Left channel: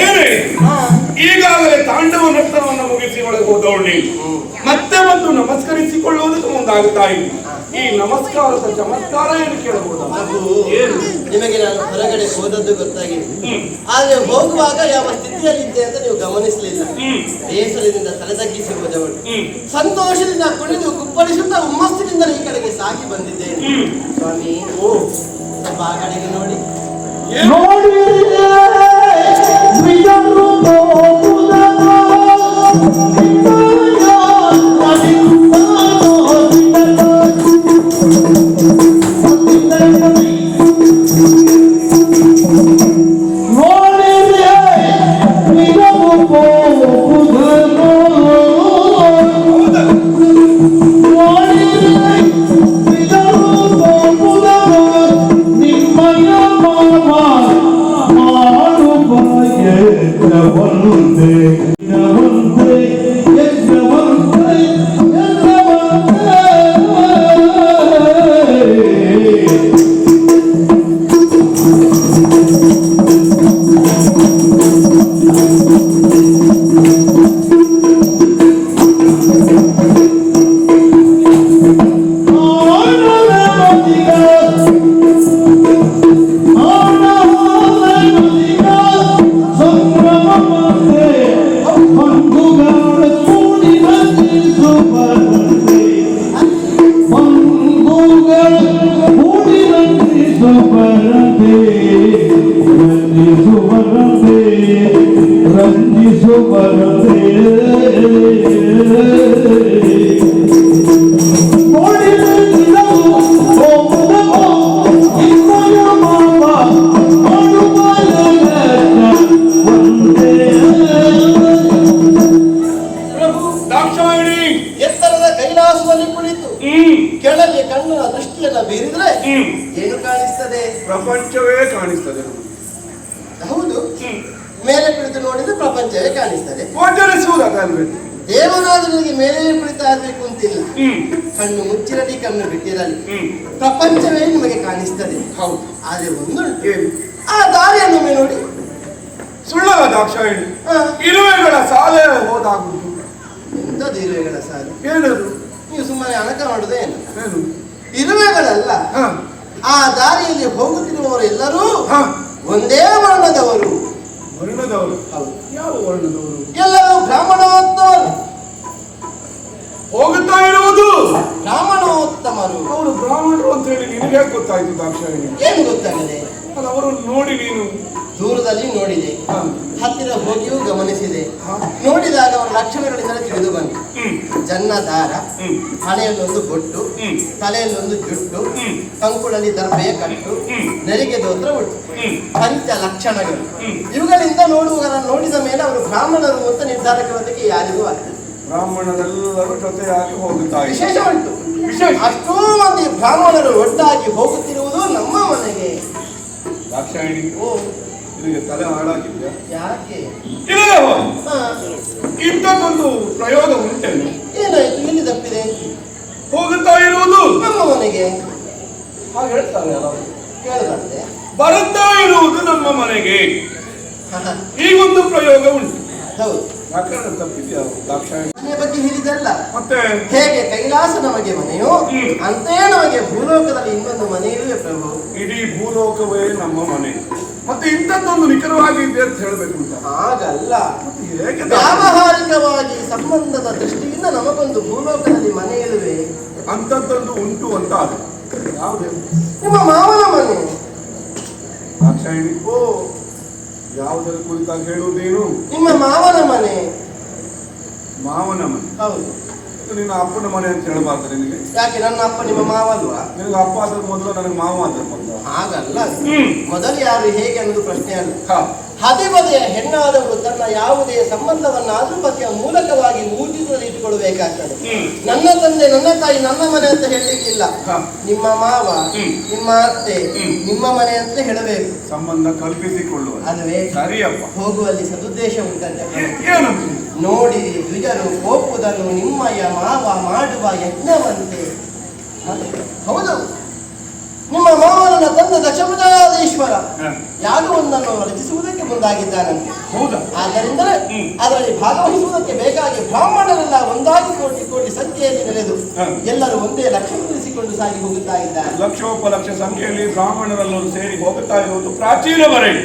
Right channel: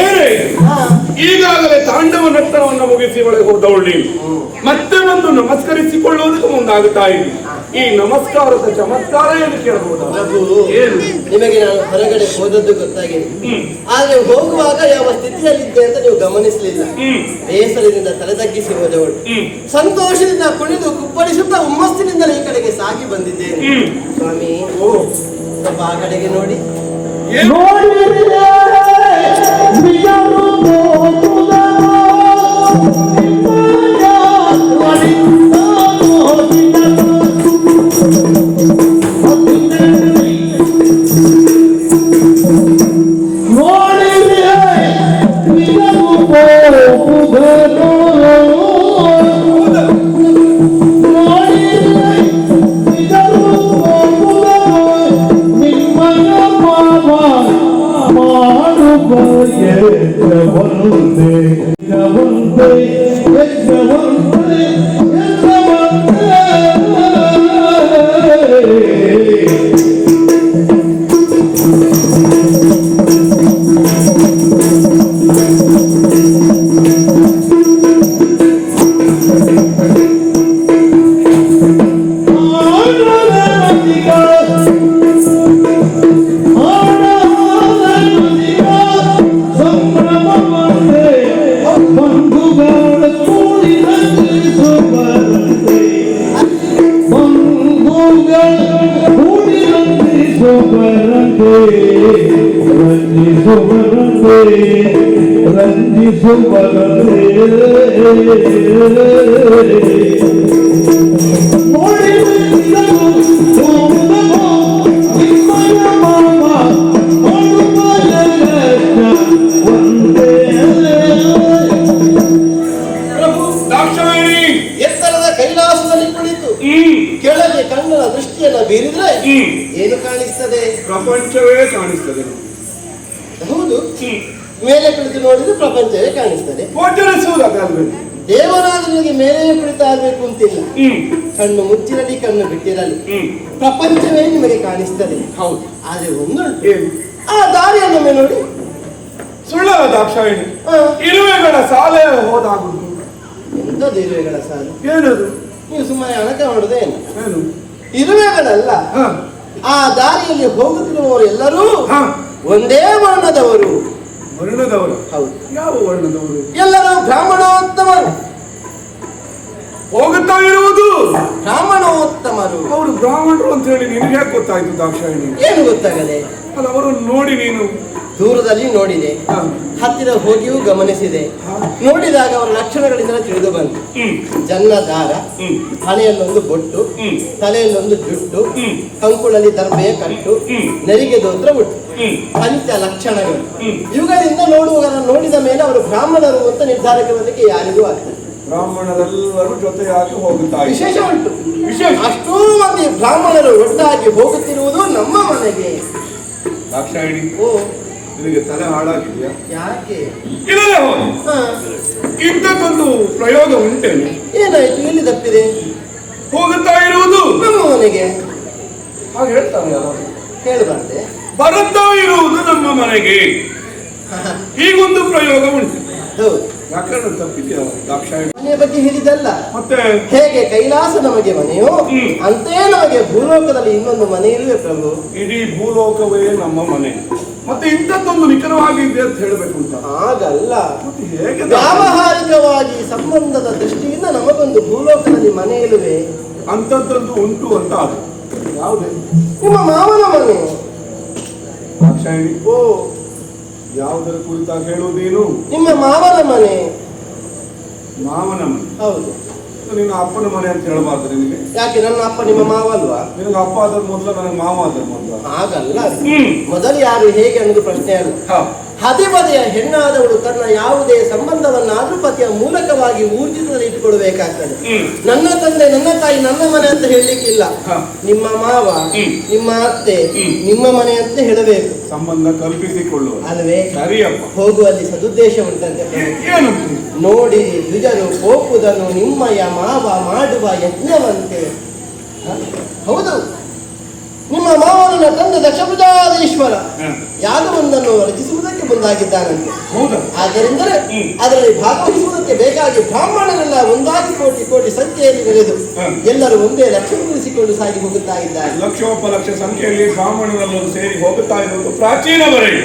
ಏನೇ ಈಗಾಗಲೇ ತಾಂಡವ ನರ್ತನವನ್ನು ಮುಗಿಸಿ ಒಳಗೆ ಹೋದವಳು ನೀನು ಮತ್ತೆ ಒಂದು ನಮಸ್ಕರಿಸಿಕೊಳ್ಳುವುದಕ್ಕೆ ಮುಂದಾಗುತ್ತಾ ಇದ್ದೀನಿ. ಈ ನಮಸ್ಕಾರದ ಚಮತ್ಕಾರ ಏನು ಕೇಳಬಹುದಾ? ಏನು ನಿಮಗೆ ನಾನು ಹೊರಗಡೆ ಹೋದದ್ದು ಗೊತ್ತಾಗಿದೆ, ಆದ್ರೆ ಹೋಗುವಾಗ ಯಾವ ಸ್ಥಿತಿಯಲ್ಲಿದ್ದೆ ಅಂತ ನೀವು ಗಮನಿಸಲಿಲ್ಲ. ಬೇಸರದಿಂದ ತಲೆದಗ್ಗಿಸಿ ಹೋದವಳು ಸಂತೋಷದಿಂದ ಕುಣಿದು ಕುಪ್ಪಳಿಸುತ್ತಾ ಹುಮ್ಮಸ್ಸಿನಿಂದ ಈ ಕಡೆಗೆ ಸಾಗಿ ಬಂದಿದ್ದೇನೆ. ಸ್ವಾಮಿ ಸ್ವಲ್ಪ ಆ ಕಡೆಗೆ ನೋಡಿ. ಎತ್ತರದ ಕೈಲಾಸದಲ್ಲಿ ಕುಳಿತು ಕೆಳಗೆ ಕಣ್ಣಿನ ದೃಷ್ಟಿಯನ್ನ ಬೀರಿದ್ರೆ ಏನು ಕಾಣಿಸ್ತದೆ? ಪ್ರಪಂಚವೇ ಕಾಣಿಸ್ತದೆ. ಹೌದು, ಮೇಲೆ ಕುಳಿತು ನೋಡಿದ್ರೆ ಪ್ರಪಂಚವೇ ಕಾಣಿಸ್ತದೆ. ದೇವನಾದನಿಗೆ ಮೇಲೆ ಕುಳಿತಾ ಇರಬೇಕು ಅಂತಿಲ್ಲ, ಕಣ್ಣು ಮುಚ್ಚಿರಲಿ ಕಣ್ಣು ಬಿಟ್ಟಿರಲಿ ಪ್ರಪಂಚವೇ ನಿಮಗೆ ಕಾಣಿಸ್ತದೆ. ಹೌದು, ಆದ್ರೆ ಒಂದು ಆ ದಾರಿಯನ್ನೊಮ್ಮೆ ನೋಡಿ. ಸುಳ್ಳ ದಾಕ್ಷಾಯಿಣಿ, ಇರುವೆಗಳ ಸಾಲೆ ಹೋದಾಗುಂಟು. ಎಂತದ್ದು ಇರುವೆಗಳ ಸಾಲು? ಏನದು? ನೀವು ಸುಮ್ಮನೆ ಅಣಕ ಮಾಡುದೇ ಏನು? ಇರುವೆಗಳಲ್ಲ, ಆ ದಾರಿಯಲ್ಲಿ ಹೋಗುತ್ತಿರುವವರು ಎಲ್ಲರೂ ಒಂದೇ ವರ್ಣದವರು. ವರ್ಣದವರು? ಹೌದು. ಯಾವ ವರ್ಣದವರು? ಎಲ್ಲರೂ ಬ್ರಾಹ್ಮಣೋತ್ತಮರು. ಹೋಗುತ್ತಾ ಇರುವುದು ಬ್ರಾಹ್ಮಣೋತ್ತಮರು. ಅವರು ಬ್ರಾಹ್ಮಣರು ಅಂತ ಹೇಳಿ ನಿನಗೆ ಹೇಗೆ ಗೊತ್ತಾಯ್ತು ದಾಕ್ಷಾಯಿಣಿ? ಏನು ಗೊತ್ತಾಗದೆ? ಅದು ಅವರನ್ನು ನೋಡಿ ನೀನು ದೂರದಲ್ಲಿ ನೋಡಿದೆ, ಹತ್ತಿರ ಹೋಗಿಯೂ ಗಮನಿಸಿದೆ. ನೋಡಿದಾಗ ಅವರ ಲಕ್ಷಣಗಳಿಂದ ತಿಳಿದು ಬಂತು. ಜನ್ಮದಾರ, ಹಣೆಯಲ್ಲೊಂದು ಬೊಟ್ಟು, ತಲೆಯಲ್ಲೊಂದು ಜುಟ್ಟು, ಕಂಕುಳಲ್ಲಿ ದರ್ಬೆಯ ಕಟ್ಟು, ನೆರಿಗೆ ದೋತ್ರ ಉಟ್ಟು, ಪಂಚ ಲಕ್ಷಣಗಳು. ಇವುಗಳಿಂದ ನೋಡಿದ ಮೇಲೆ ಅವರು ಬ್ರಾಹ್ಮಣರು ಅಂತ ನಿರ್ಧಾರಕ್ಕೆ ಯಾರಿಗೂ ಆಗ್ತದೆ. ಬ್ರಾಹ್ಮಣರೆಲ್ಲರೂ ಜೊತೆಯಾಗಿ ಹೋಗುತ್ತಾ ವಿಶೇಷ ಉಂಟು. ಅಷ್ಟೂ ಮಂದಿ ಬ್ರಾಹ್ಮಣರು ಒಟ್ಟಾಗಿ ಹೋಗುತ್ತಿರುವುದು ನಮ್ಮ ಮನೆಗೆ. ದಾಕ್ಷಾಯಿಣಿ, ನಿನಗೆ ತಲೆ ಹಾಳಾಗಿದೆಯಾ? ಯಾಕೆ? ಇಲ್ಲ, ಇಂಥದ್ದೊಂದು ಪ್ರಯೋಗ ಉಂಟೇನೆ? ಏನಾಯ್ತು? ಎಲ್ಲಿ ತಪ್ಪಿದೆ? ಹೋಗುತ್ತಾ ಇರುವುದು ನಮ್ಮ ಮನೆಗೆ. ಹಾಗೆ ಹೇಳ್ತಾರೆ ಅಲ್ಲ, ಕೇಳಬಾರ್ದೆ? ಬರುತ್ತಾ ಇರುವುದು ನಮ್ಮ ಮನೆಗೆ. ಹೀಗೊಂದು ಪ್ರಯೋಗ ಉಂಟು. ಹೌದು, ವ್ಯಾಕರಣ ತಪ್ಪಿದೆಯಾ ದಾಕ್ಷಾಯಿಣಿ? ಮನೆಯ ಬಗ್ಗೆ ಹೇಳಿದಲ್ಲ, ಮತ್ತೆ ಹೇಗೆ ಕೈಲಾಸ ನಮಗೆ ಮನೆಯೋ ಅಂತೇ ನಮಗೆ ಭೂಲೋಕದಲ್ಲಿ ಇನ್ನೊಂದು ಮನೆ ಇರುವೆ ಪ್ರಭು. ಇಡೀ ಭೂಲೋಕವೇ ನಮ್ಮ ಮನೆ. ಮತ್ತೆ ಇಂಥದ್ದೊಂದು ನಿಖರವಾಗಿದೆ ಅಂತ ಹೇಳ್ಬೇಕು ಅಂತ ಹಾಗಲ್ಲ, ಹೇಗೆ? ವ್ಯಾವಹಾರಿಕವಾಗಿ ಸಂಬಂಧದ ದೃಷ್ಟಿಯಿಂದ ನಮಗೊಂದು ಭೂಲೋಕದಲ್ಲಿ ಮನೆ ಇರುವೆ ಅಂಥದ್ದೊಂದು ಉಂಟು ಅಂತ. ಯಾವುದೇ? ನಿಮ್ಮ ಮಾವನ ಮನೆ. ದಾಕ್ಷಾಯಿಣಿ, ಯಾವುದರ ಕುರಿತಾಗಿ ಹೇಳುವುದೇನು? ನಿಮ್ಮ ಮಾವನ ಮನೆ. ಮಾವನ ಮನೆ? ಹೌದು. ನಿನ್ನ ಅಪ್ಪನ ಮನೆ ಅಂತ ಹೇಳಬಾರ್ದು ನಿನಗೆ? ಯಾಕೆ? ನನ್ನ ಅಪ್ಪ ನಿಮ್ಮ ಮಾವ ಅಲ್ವಾ? ನಿನಗೆ ಅಪ್ಪ ಆದ ಮೊದಲು ನನಗೆ ಮಾವ ಆದ ಮೊದಲು? ಹಾಗಲ್ಲ, ಮೊದಲು ಯಾರು ಹೇಗೆ ಅನ್ನೋದು ಪ್ರಶ್ನೆ ಅಲ್ಲ. ಹದಿಬದೆಯ ಹೆಣ್ಣಾದವಳು ತನ್ನ ಯಾವುದೇ ಸಂಬಂಧವನ್ನಾದ್ರೂ ಪತಿಯ ಮೂಲಕವಾಗಿ ಊರ್ಜಿತದಲ್ಲಿ ಇಟ್ಟುಕೊಳ್ಬೇಕಾಗ್ತದೆ. ನನ್ನ ತಂದೆ, ನನ್ನ ತಾಯಿ, ನನ್ನ ಮನೆ ಅಂತ ಹೇಳಲಿಕ್ಕಿಲ್ಲ. ನಿಮ್ಮ ಮಾವ, ನಿಮ್ಮ ಅತ್ತೆ, ನಿಮ್ಮ ಮನೆ ಅಂತ ಹೇಳಬೇಕು. ಸಂಬಂಧ ಕಲ್ಪಿಸಿಕೊಳ್ಳುವ ಅಲ್ವೇ? ಸರಿಯಪ್ಪ. ಹೋಗುವಲ್ಲಿ ಸದುದ್ದೇಶ ಉಂಟಂತೆ. ನೋಡಿ, ದ್ವಿಜರು ಕೋಪುದನು ನಿಮ್ಮಯ ಮಾವ ಮಾಡುವ ಯಜ್ಞವಂತೆ. ಹೌದು, ನಿಮ್ಮ ಮಾವನನ್ನ ತಂದ ದಕ್ಷಪುಜಾಧೀಶ್ವರ ಹ. ಯಾಗವೊಂದನ್ನು ರಚಿಸುವುದಕ್ಕೆ ಮುಂದಾಗಿದ್ದಾನಂತೆ. ಹೌದಾ? ಆದ್ದರಿಂದಲೇ ಅದರಲ್ಲಿ ಭಾಗವಹಿಸುವುದಕ್ಕೆ ಬೇಕಾಗಿ ಬ್ರಾಹ್ಮಣರೆಲ್ಲ ಒಂದಾಗಿ ಕೋಟಿ ಕೋಟಿ ಸಂಖ್ಯೆಯಲ್ಲಿ ನೆಲೆದು ಹ. ಎಲ್ಲರೂ ಒಂದೇ ಲಕ್ಷ್ಯ ಉಳಿಸಿಕೊಂಡು ಸಾಗಿ ಹೋಗುತ್ತಾ ಇದ್ದಾರೆ. ಲಕ್ಷೋಪಲಕ್ಷ ಸಂಖ್ಯೆಯಲ್ಲಿ ಬ್ರಾಹ್ಮಣರೆಲ್ಲರೂ ಸೇರಿ ಹೋಗುತ್ತಾ ಇರುವುದು ಪ್ರಾಚೀನವರೆಗೆ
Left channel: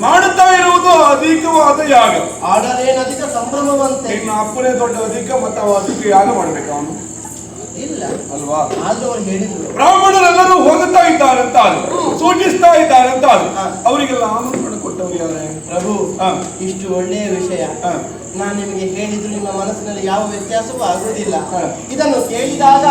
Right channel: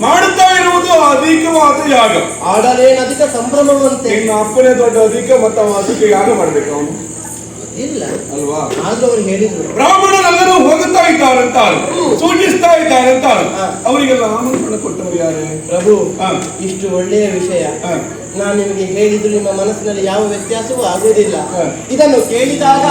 ಮಾಡುತ್ತಾ ಇರುವುದು ಅಧಿಕವಾದ ಯಾಗ. ಆಡಲೇನಧಿಕ ಸಂಭ್ರಮವಂತೆ. ನಿನ್ನ ಅಪ್ಪನೇ ದೊಡ್ಡ ಅಧಿಕ ಮತ್ತು ಅಧಿಕ ಯಾಗ ಮಾಡ್ಬೇಕು ಅವನು ಇಲ್ಲ ಅಲ್ವಾ? ಆದ್ರೂ ಅವ್ರು ಹೇಳಿದ್ರು ಬ್ರಾಹ್ಮಣರೆಲ್ಲರೂ ಹೋಗುತ್ತಾ ಇದ್ದಾರಂತ ಸೂಚಿಸ್ತಾ ಇದ್ದಾರಂತ ಹ. ಅವರಿಗೆಲ್ಲ ಆಮಂತ್ರಣ ಕೊಟ್ಟವರು ಯಾರೇ? ಪ್ರಭು ಹ. ಇಷ್ಟು ಒಳ್ಳೆಯ ವಿಷಯ ಹ. ನಾನು ನಿಮಗೆ ಹೇಳಿದ್ರು ನಿಮ್ಮ ಮನಸ್ಸಿನಲ್ಲಿ ಯಾವ ವ್ಯತ್ಯಾಸವೂ ಆಗುವುದಿಲ್ಲ. ಹ. ಇದನ್ನು ಕೇಳಿದಾಗ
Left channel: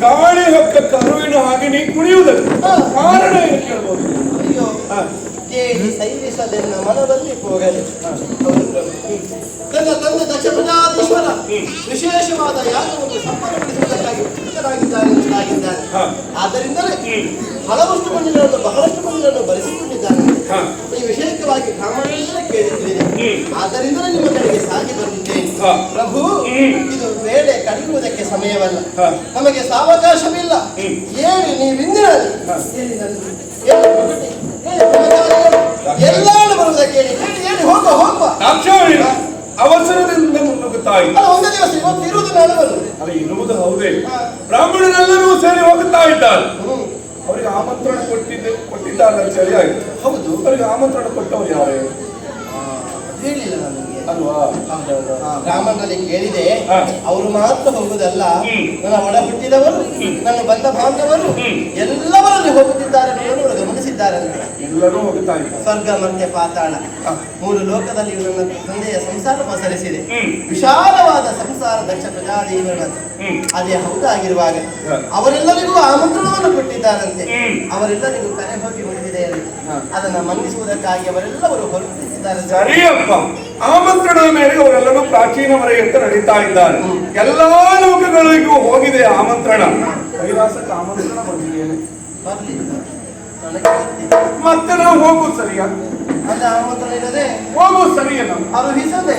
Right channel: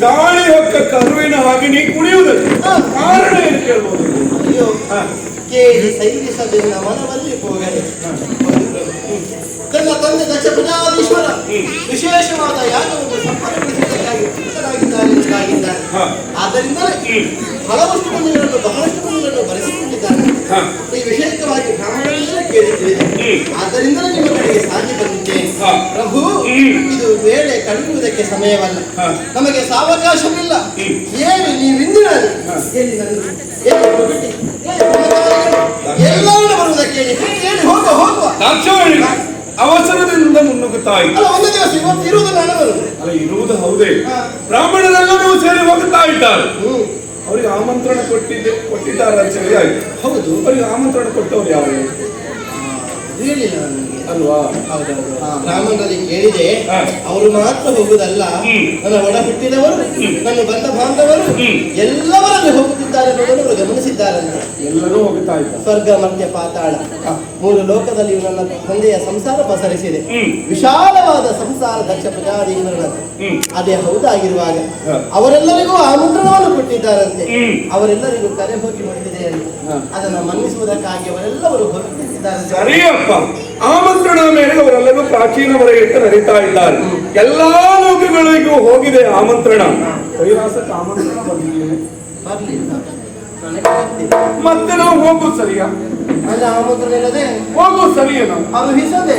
ಗಾಳಿ ಹೊಕ್ಕ ಕರುವಿನ ಹಾಗೆ ನೀ ಕುಣಿಯುವುದಕ್ಕೆ ಕಾರಣ ಏನು ಕೇಳ್ಬೋದು? ಅಯ್ಯೋ ಹ. ಕೇಳಿ ಸೈರಿಸಲಿಲ್ಲ ಮನದಲ್ಲಿ ಹೋಗಲಿ. ನನ್ನ ತಂದೆ ದಕ್ಷಪುಜಾಧೀಶ್ವರ ವಿಶೇಷವಾದ ಯಾಗವನ್ನು ಸಂಪನ್ನಗೊಳಿಸುವುದಕ್ಕಾಗಿ ಉತ್ಸುಕರಾಗಿದ್ದಾನೆ. ಹ. ಆದ್ದರಿಂದಲೇ ಹಲವಷ್ಟು ಮಂದಿಗಳನ್ನು ಬಹಳಷ್ಟು ಮಂದಿಗಳನ್ನು ಬರೆಸಿಕೊಂಡಿದ್ದಾನೆ. ಹ. ಈ ವಿಷಯಕವಾಗಿ ಬ್ರಾಹ್ಮಣರೆಲ್ಲ ಕೇಳಿದ್ದೇವೆ. ಆದ್ದರಿಂದಲೇ ನಿಮ್ಮ ಕಡೆಗೆ ಸಾಗಿ ಬಂದಿದ್ದೇನೆ. ಹ. ಪ್ರಭು ಇದು ವೇಳೆ ಕಳೆಯುವುದಕ್ಕೆ ಸಮಯವಲ್ಲ. ಹ. ನಮಗೆ ಸಾವಕಾಶವಿಲ್ಲ. ಏನಿ ನೀವಿಂದಿನಲ್ಲಿ ಎಲ್ಲಾನು ಬರುವುದಕ್ಕೆ ಹೇಳಿ ಹೋಗುವ ಹೋಗುವ. ದಾಕ್ಷಾಯಣಿ ಅವಸರದಿಂದ ಮುನ್ನುಗ್ಗುತ್ತಾ ಇದ್ದ. ಅಲ್ಲ ಒಂದು ದಿವಸ ಇವತ್ತು ಇರುವುದು ನಾನು ಬರುವುದು. ಅಲ್ಲ ಇರುವುದು ಹೌದೇ. ಹ. ಬ್ರಾಹ್ಮಣರೆಲ್ಲರೂ ಸೇರಿ ಹೋಗುತ್ತಾ ಇದ್ದಾರೆ. ಅವರಿಗೆ ಆಮಂತ್ರಣ ಕೊಟ್ಟಿದ್ದಾರೆ ಅಂತ ಹೇಳಿ ಆಯ್ತು. ಹೌದು. ಅವರಿಗೆ ಆಮಂತ್ರಣ ಕೊಟ್ಟವ್ರು ಯಾರೇ? ಹೇಳಿಲ್ಲ ನನಗೆ. ಅಲ್ವಾ? ಹೌದೌದು. ಬ್ರಾಹ್ಮಣರಲ್ಲಿ ಕೇಳಿದೆ. ಹ. ಅವರು ಮಾತ್ರ ಹೋಗುದಲ್ಲ, ನನ್ನ ಒಡ ಹುಟ್ಟಿದವರು, ನನ್ನ ಬಂಧ ಬಾಂಧವರು ಎಲ್ಲವರಲ್ಲಿ ಹೋಗುತ್ತಿದ್ದಾರೆ ಅನ್ನೋದನ್ನು ಅವರು ಗಮನಿಸಿದ್ದಾರಲ್ಲ. ಎಲ್ಲರೂ ಹೋಗುತ್ತಾ ಇದ್ದಾರೆ. ಸ್ವರ್ಗ ಮರ್ತ್ಯ ಪಾತಾಳ ಮೂರು ಲೋಕದಲ್ಲಿ ನನ್ನ ತಂದೆಯ ಸಂಸಾರ ಪಸರಿಸಿದೆ. ವಿಶಾಲವಾದ ಸಂಸಾರ ದಕ್ಷ ಪ್ರಜಾದೇವರದ್ದು. ಅದೇ ಹೌದಾಗಿರುವಾಗ ಅವರೆಲ್ಲರಿಗೂ ಆಮಂತ್ರಣವನ್ನು ಕೊಟ್ಟಿದ್ದಾರಂತೆ. ಅವರೆಲ್ಲರಿಗೂ ಕರೆ ಹೋಗಿ ಮುಟ್ಟಿದೆ ಅಂತ ಅದನ್ನ ಮನ್ನಿಸುವುದಕ್ಕಾಗಿ ಅವರೆಲ್ಲವರು ಹೊರಟಿದ್ದಾರೆ. ಸರಿಯಪ್ಪ, ಆಮಂತ್ರಣದ ಮೇಲೆ ಅವರೆಲ್ಲರೂ ಪ್ರಾಚೀನವರೇ ಅಂತ ನಡೀತಾ ಇದ್ದಾರೆ. ಎಲ್ಲಾ ಲೋಕಗಳಿಗೂ ಹೋಗಿದೆ ಆಮಂತ್ರಣ. ಕೈಲಾಸಕ್ಕೆ ಆಮಂತ್ರಣ ಬಂದಿದ್ದೇನೆ. ಬರ್ಲಿಲ್ಲ ನನಗೆ ಗೊತ್ತಿಲ್ಲ. ಮತ್ತೆ ನಾವು ಹೋಗುದು ಸರಿಯಾ? ಅದು ಆಮಂತ್ರಣ ಇಲ್ಲದೆ ಹೋಗುದು ಸರಿಯೇನ? ಅರುಹಿಸದೆ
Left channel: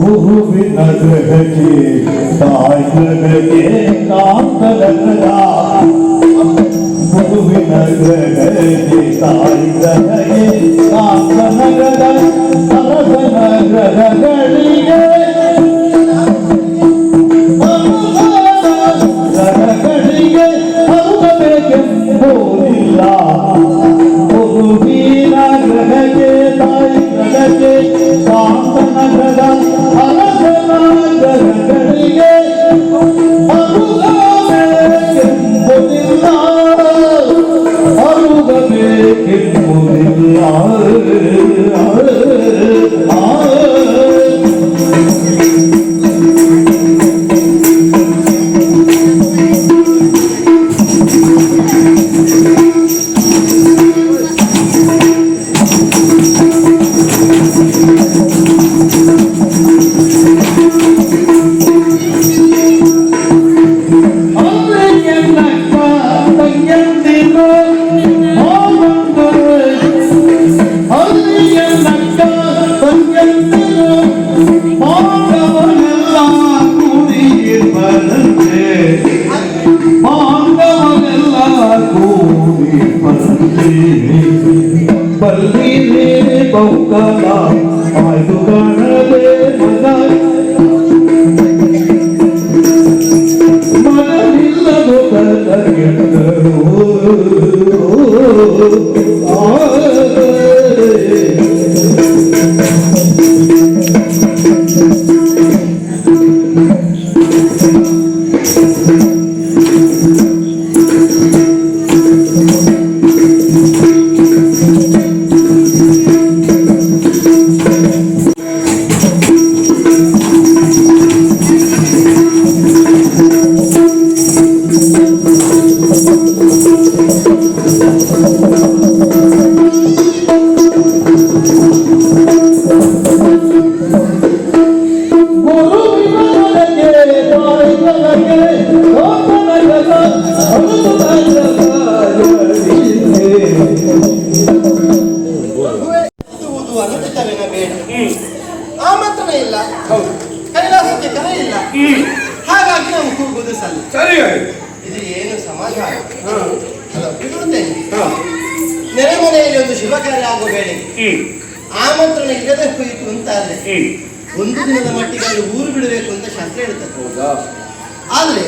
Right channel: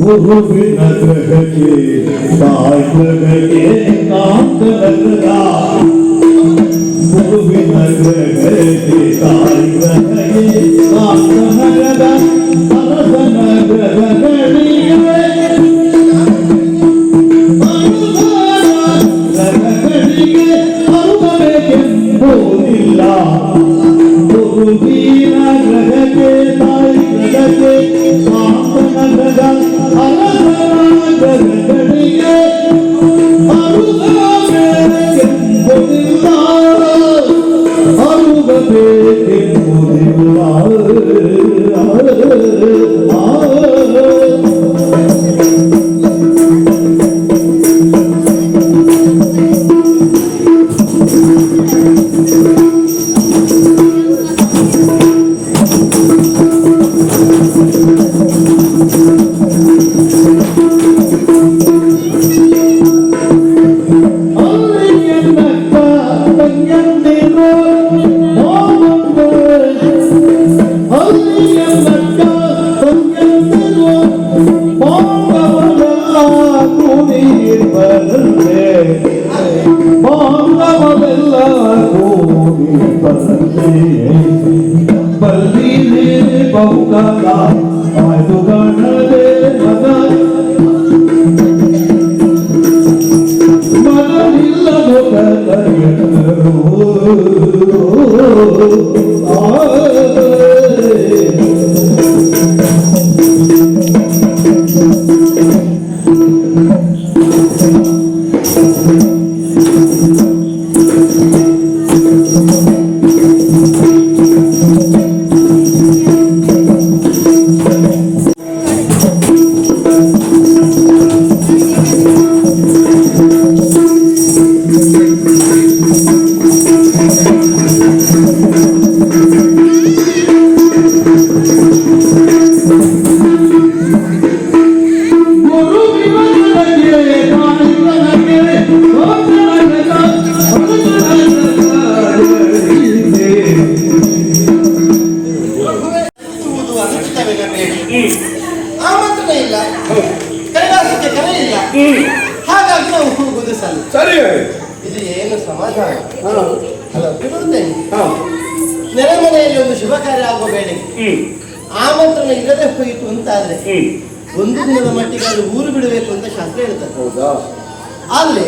ಗುರುವಿನ ಗ್ರಹಕ್ಕೆ ತಾಯ್ಗ್ರಹಕ್ಕೆ ಕಾಂತನಗರ ಗುರುವಿನ ಗ್ರಹಕ್ಕೆ ತಾಯ್ಗ್ರಹಕ್ಕೆ ಕಾಂತನಗರ ಅರಸನ ಗ್ರಹಗಳಿಗೆ ಗ್ರಹಗಳಿಗೆ ಅರುಗಬೇಕೆಂಬುದಿಲ್ಲ ಗುರುವಿನ ಗ್ರಹಕ್ಕೆ ತಾಯ್ಗ್ರಹಕ್ಕೆ ಕಾಂತನಗರ ಆಮಂತ್ರಣ ಇಲ್ಲ, ಕೈಲಾಸಕ್ಕೆ ಕರೆ ಇಲ್ಲ, ಹಾಗಾಗಿ ನಾವು ಕೂಗುವುದು ಸಲ್ಲ. ಸರಿಯಾಗಿ ಇದು ಏನು ಸಮಾಧಾನ ಅಲ್ಲ? ಬಿಡುತ್ತೇನೆ. ನೆರೆಮನೆಯಲ್ಲಿ ಒಂದು ಶುಭ ಕಾರ್ಯ ಆಗುವ ವೇಳೆ ಆಮಂತ್ರಣ ಇಲ್ಲದೆ ಹೋಯಿತು ಅಂತಾದ್ರೆ ಒಂದು ದಿನದ ಮಟ್ಟಿಗೆ ಅಲ್ಲಿ ಊರು ಬಿಡಬೇಕು ಅಂತ ಶಾಸ್ತ್ರ ಹೇಳ್ತದೆ. ಹೌದಾ? ಆದ್ರೆ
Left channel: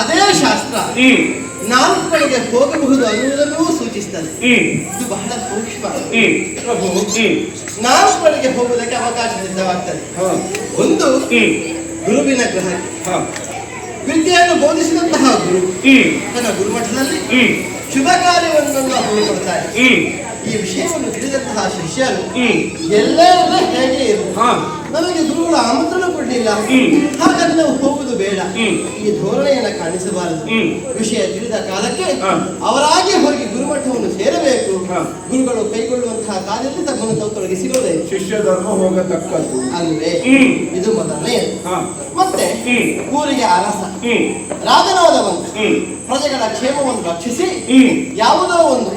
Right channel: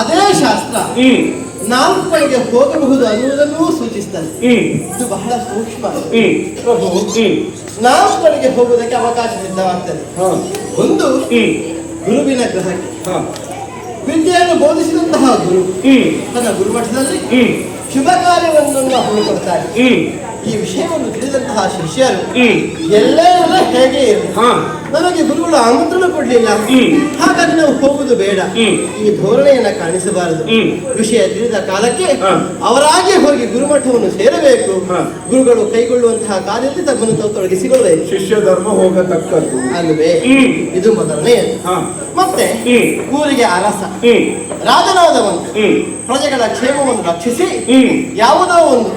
ಅದೇ ಶಾಸ್ತ್ರ 4 ಕಡೆಗೆ ಹೋಗಬಹುದು ಅನ್ನುವುದನ್ನೂ ಸೂಚಿಸ್ತದೆ. ಇದು ಬಹಳ ಸೂಕ್ಷ್ಮ. ಪ್ರಭು 4 ಕಡೆಗೆ ಹೋಗುವುದಕ್ಕೆ ಅವಕಾಶ ಸಿದ್ಧವಾಗ್ತದೆ. ಒಂದು, ಗುರುವಿನ ಗ್ರಹಕ್ಕೆ ವಿದ್ಯೆಯನ್ನು ಬೋಧಿಸಿದಂತಹ ಗುರು ತನ್ನ ಗುರುಮಠದಲ್ಲಿ ಶುಭ ಕಾರ್ಯವೊಂದನ್ನು ಹಮ್ಮಿಕೊಳ್ತಾರೆ. ಈ ವಿಷಯವನ್ನು ತಿಳಿದಂತಹ ಶಿಷ್ಯರು ಎಲ್ಲರೂ ಹೇಗೆ ಇರು, ನಮಗೆ ಗುರುಗಳು ಆಮಂತ್ರಣ ಕೊಡ್ಲಿಲ್ಲ, ಹಾಗಾಗಿ ನಾವು ಹೋಗುದು ಬೇಡ, ಈ ಧೋರಣೆಯನ್ನ ಕಾಣಿಸಬಾರದು. ವಿಷಯ ತಿಳಿದ ಕಾಲಕ್ಕೆ ಅವರಾಗಿ ಹೋಗಿ ಗುರುಮಠವನ್ನು ಸೇರಬೇಕು. ಗುರುಗಳು ಕೈಗೊಳ್ಳುವಂತಹ ಕಾರ್ಯದಲ್ಲಿ ತಮ್ಮನ್ನು ತಾವು ತೊಡಗಿಸಿಕೊಳ್ಳಬೇಕು. ಶಿಷ್ಯ ಧರ್ಮ ಹೋಗತಕ್ಕದ್ದು ಅಲ್ವೇ? ಇದು ಮೊದಲನೇ. ಮತ್ತೆ ಊರಿಗೆ ಅರಸ ರಾಜನಾದವನು ಪ್ರಜೆಗಳ ಕ್ಷೇಮವನ್ನು ರಕ್ಷಿಸಿ ಯಾವುದೋ ಒಂದು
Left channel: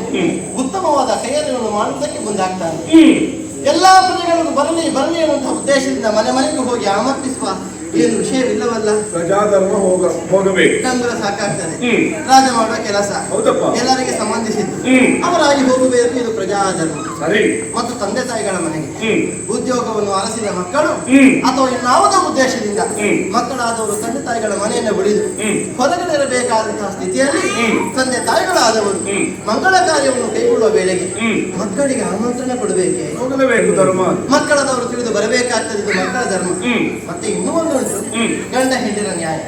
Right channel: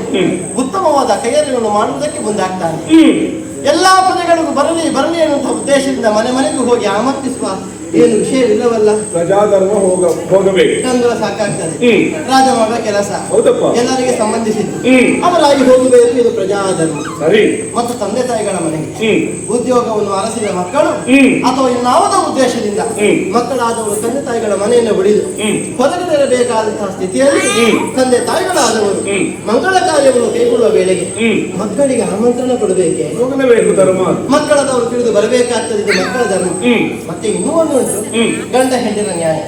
ಉತ್ತಮವಾದ ಕೈಯನ್ನು ಮಾಡುವುದಕ್ಕೆ ಮುಂದಾಗ್ತಾನೆ. ಎಲ್ಲಾ ಪ್ರಜೆಗಳಿಗೂ ಬರಲಿ ಬರಲಿ ಎನ್ನುವಂತಹ ಉದ್ದೇಶದಿಂದ ಮನೆ ಮನೆಗೂ ಹೋಗಿ ಆಮಂತ್ರಿಸುವ ಏನು ವಿಷಯವಿಲ್ಲವಲ್ಲ. ಪ್ರಜಾಧರ್ಮ ಹೋಗಬೇಕು. ತಂಗುಲ ಸಾಕಾಗ್ತದೆ. ರಾಜ ಮಾಡುವ ಕೆಲಸ ಹೌದಪ್ಪ, ಎಲ್ಲರಿಗೆ ಸಂಬಂಧಿಸಿದ್ದು. ಅವರಾಗಿ ಹೋಗಬೇಕು. ಇದು ಪ್ರಜಾಧರ್ಮ. ಸರಿ. ಮತ್ತು ತಂದೆ ತಾಯಿಗಳ ಮನೆಗೆ ಉದ್ಯೋಗವನ್ನು ಅರಸಿದ ಮಕ್ಕಳು ಅಥವಾ ಇನ್ನಾವುದೋ ಉದ್ದೇಶದಿಂದ ಮಕ್ಕಳಾದವರು ತಂದೆ ತಾಯಿಗಳ ಮನೆಯನ್ನು ಬಿಡಿದು ಹೊರಗಡೆ ಇರಬೇಕಾದಂತಹ ಸ್ಥಿತಿಯಲ್ಲಿ ತಂದೆ ತಾಯಿಗಳಾದವರು ಮಂಗಳ ಕಾರ್ಯವನ್ನು ಕೈಗೊಳ್ಳುವ ವೇಳೆಗೆ ಮಕ್ಕಳಿಗೆ ಆಮಂತ್ರಣ ಕೊಡಬೇಕೆ? ಹೋಗಲೇಬೇಕು. ಧರ್ಮ ಮಕ್ಕಳದವರು ತಿಳಿದು ಬರಬೇಕಾಗ್ತದೆ. ಇದು ಮಕ್ಕಳ ಧರ್ಮ. ಮತ್ತೆ ಇನ್ನೂ ಒಂದು ಉಂಟು, ಗಂಡ ಹೆಣ್ಣಿನ ನ್ಯಾಯ.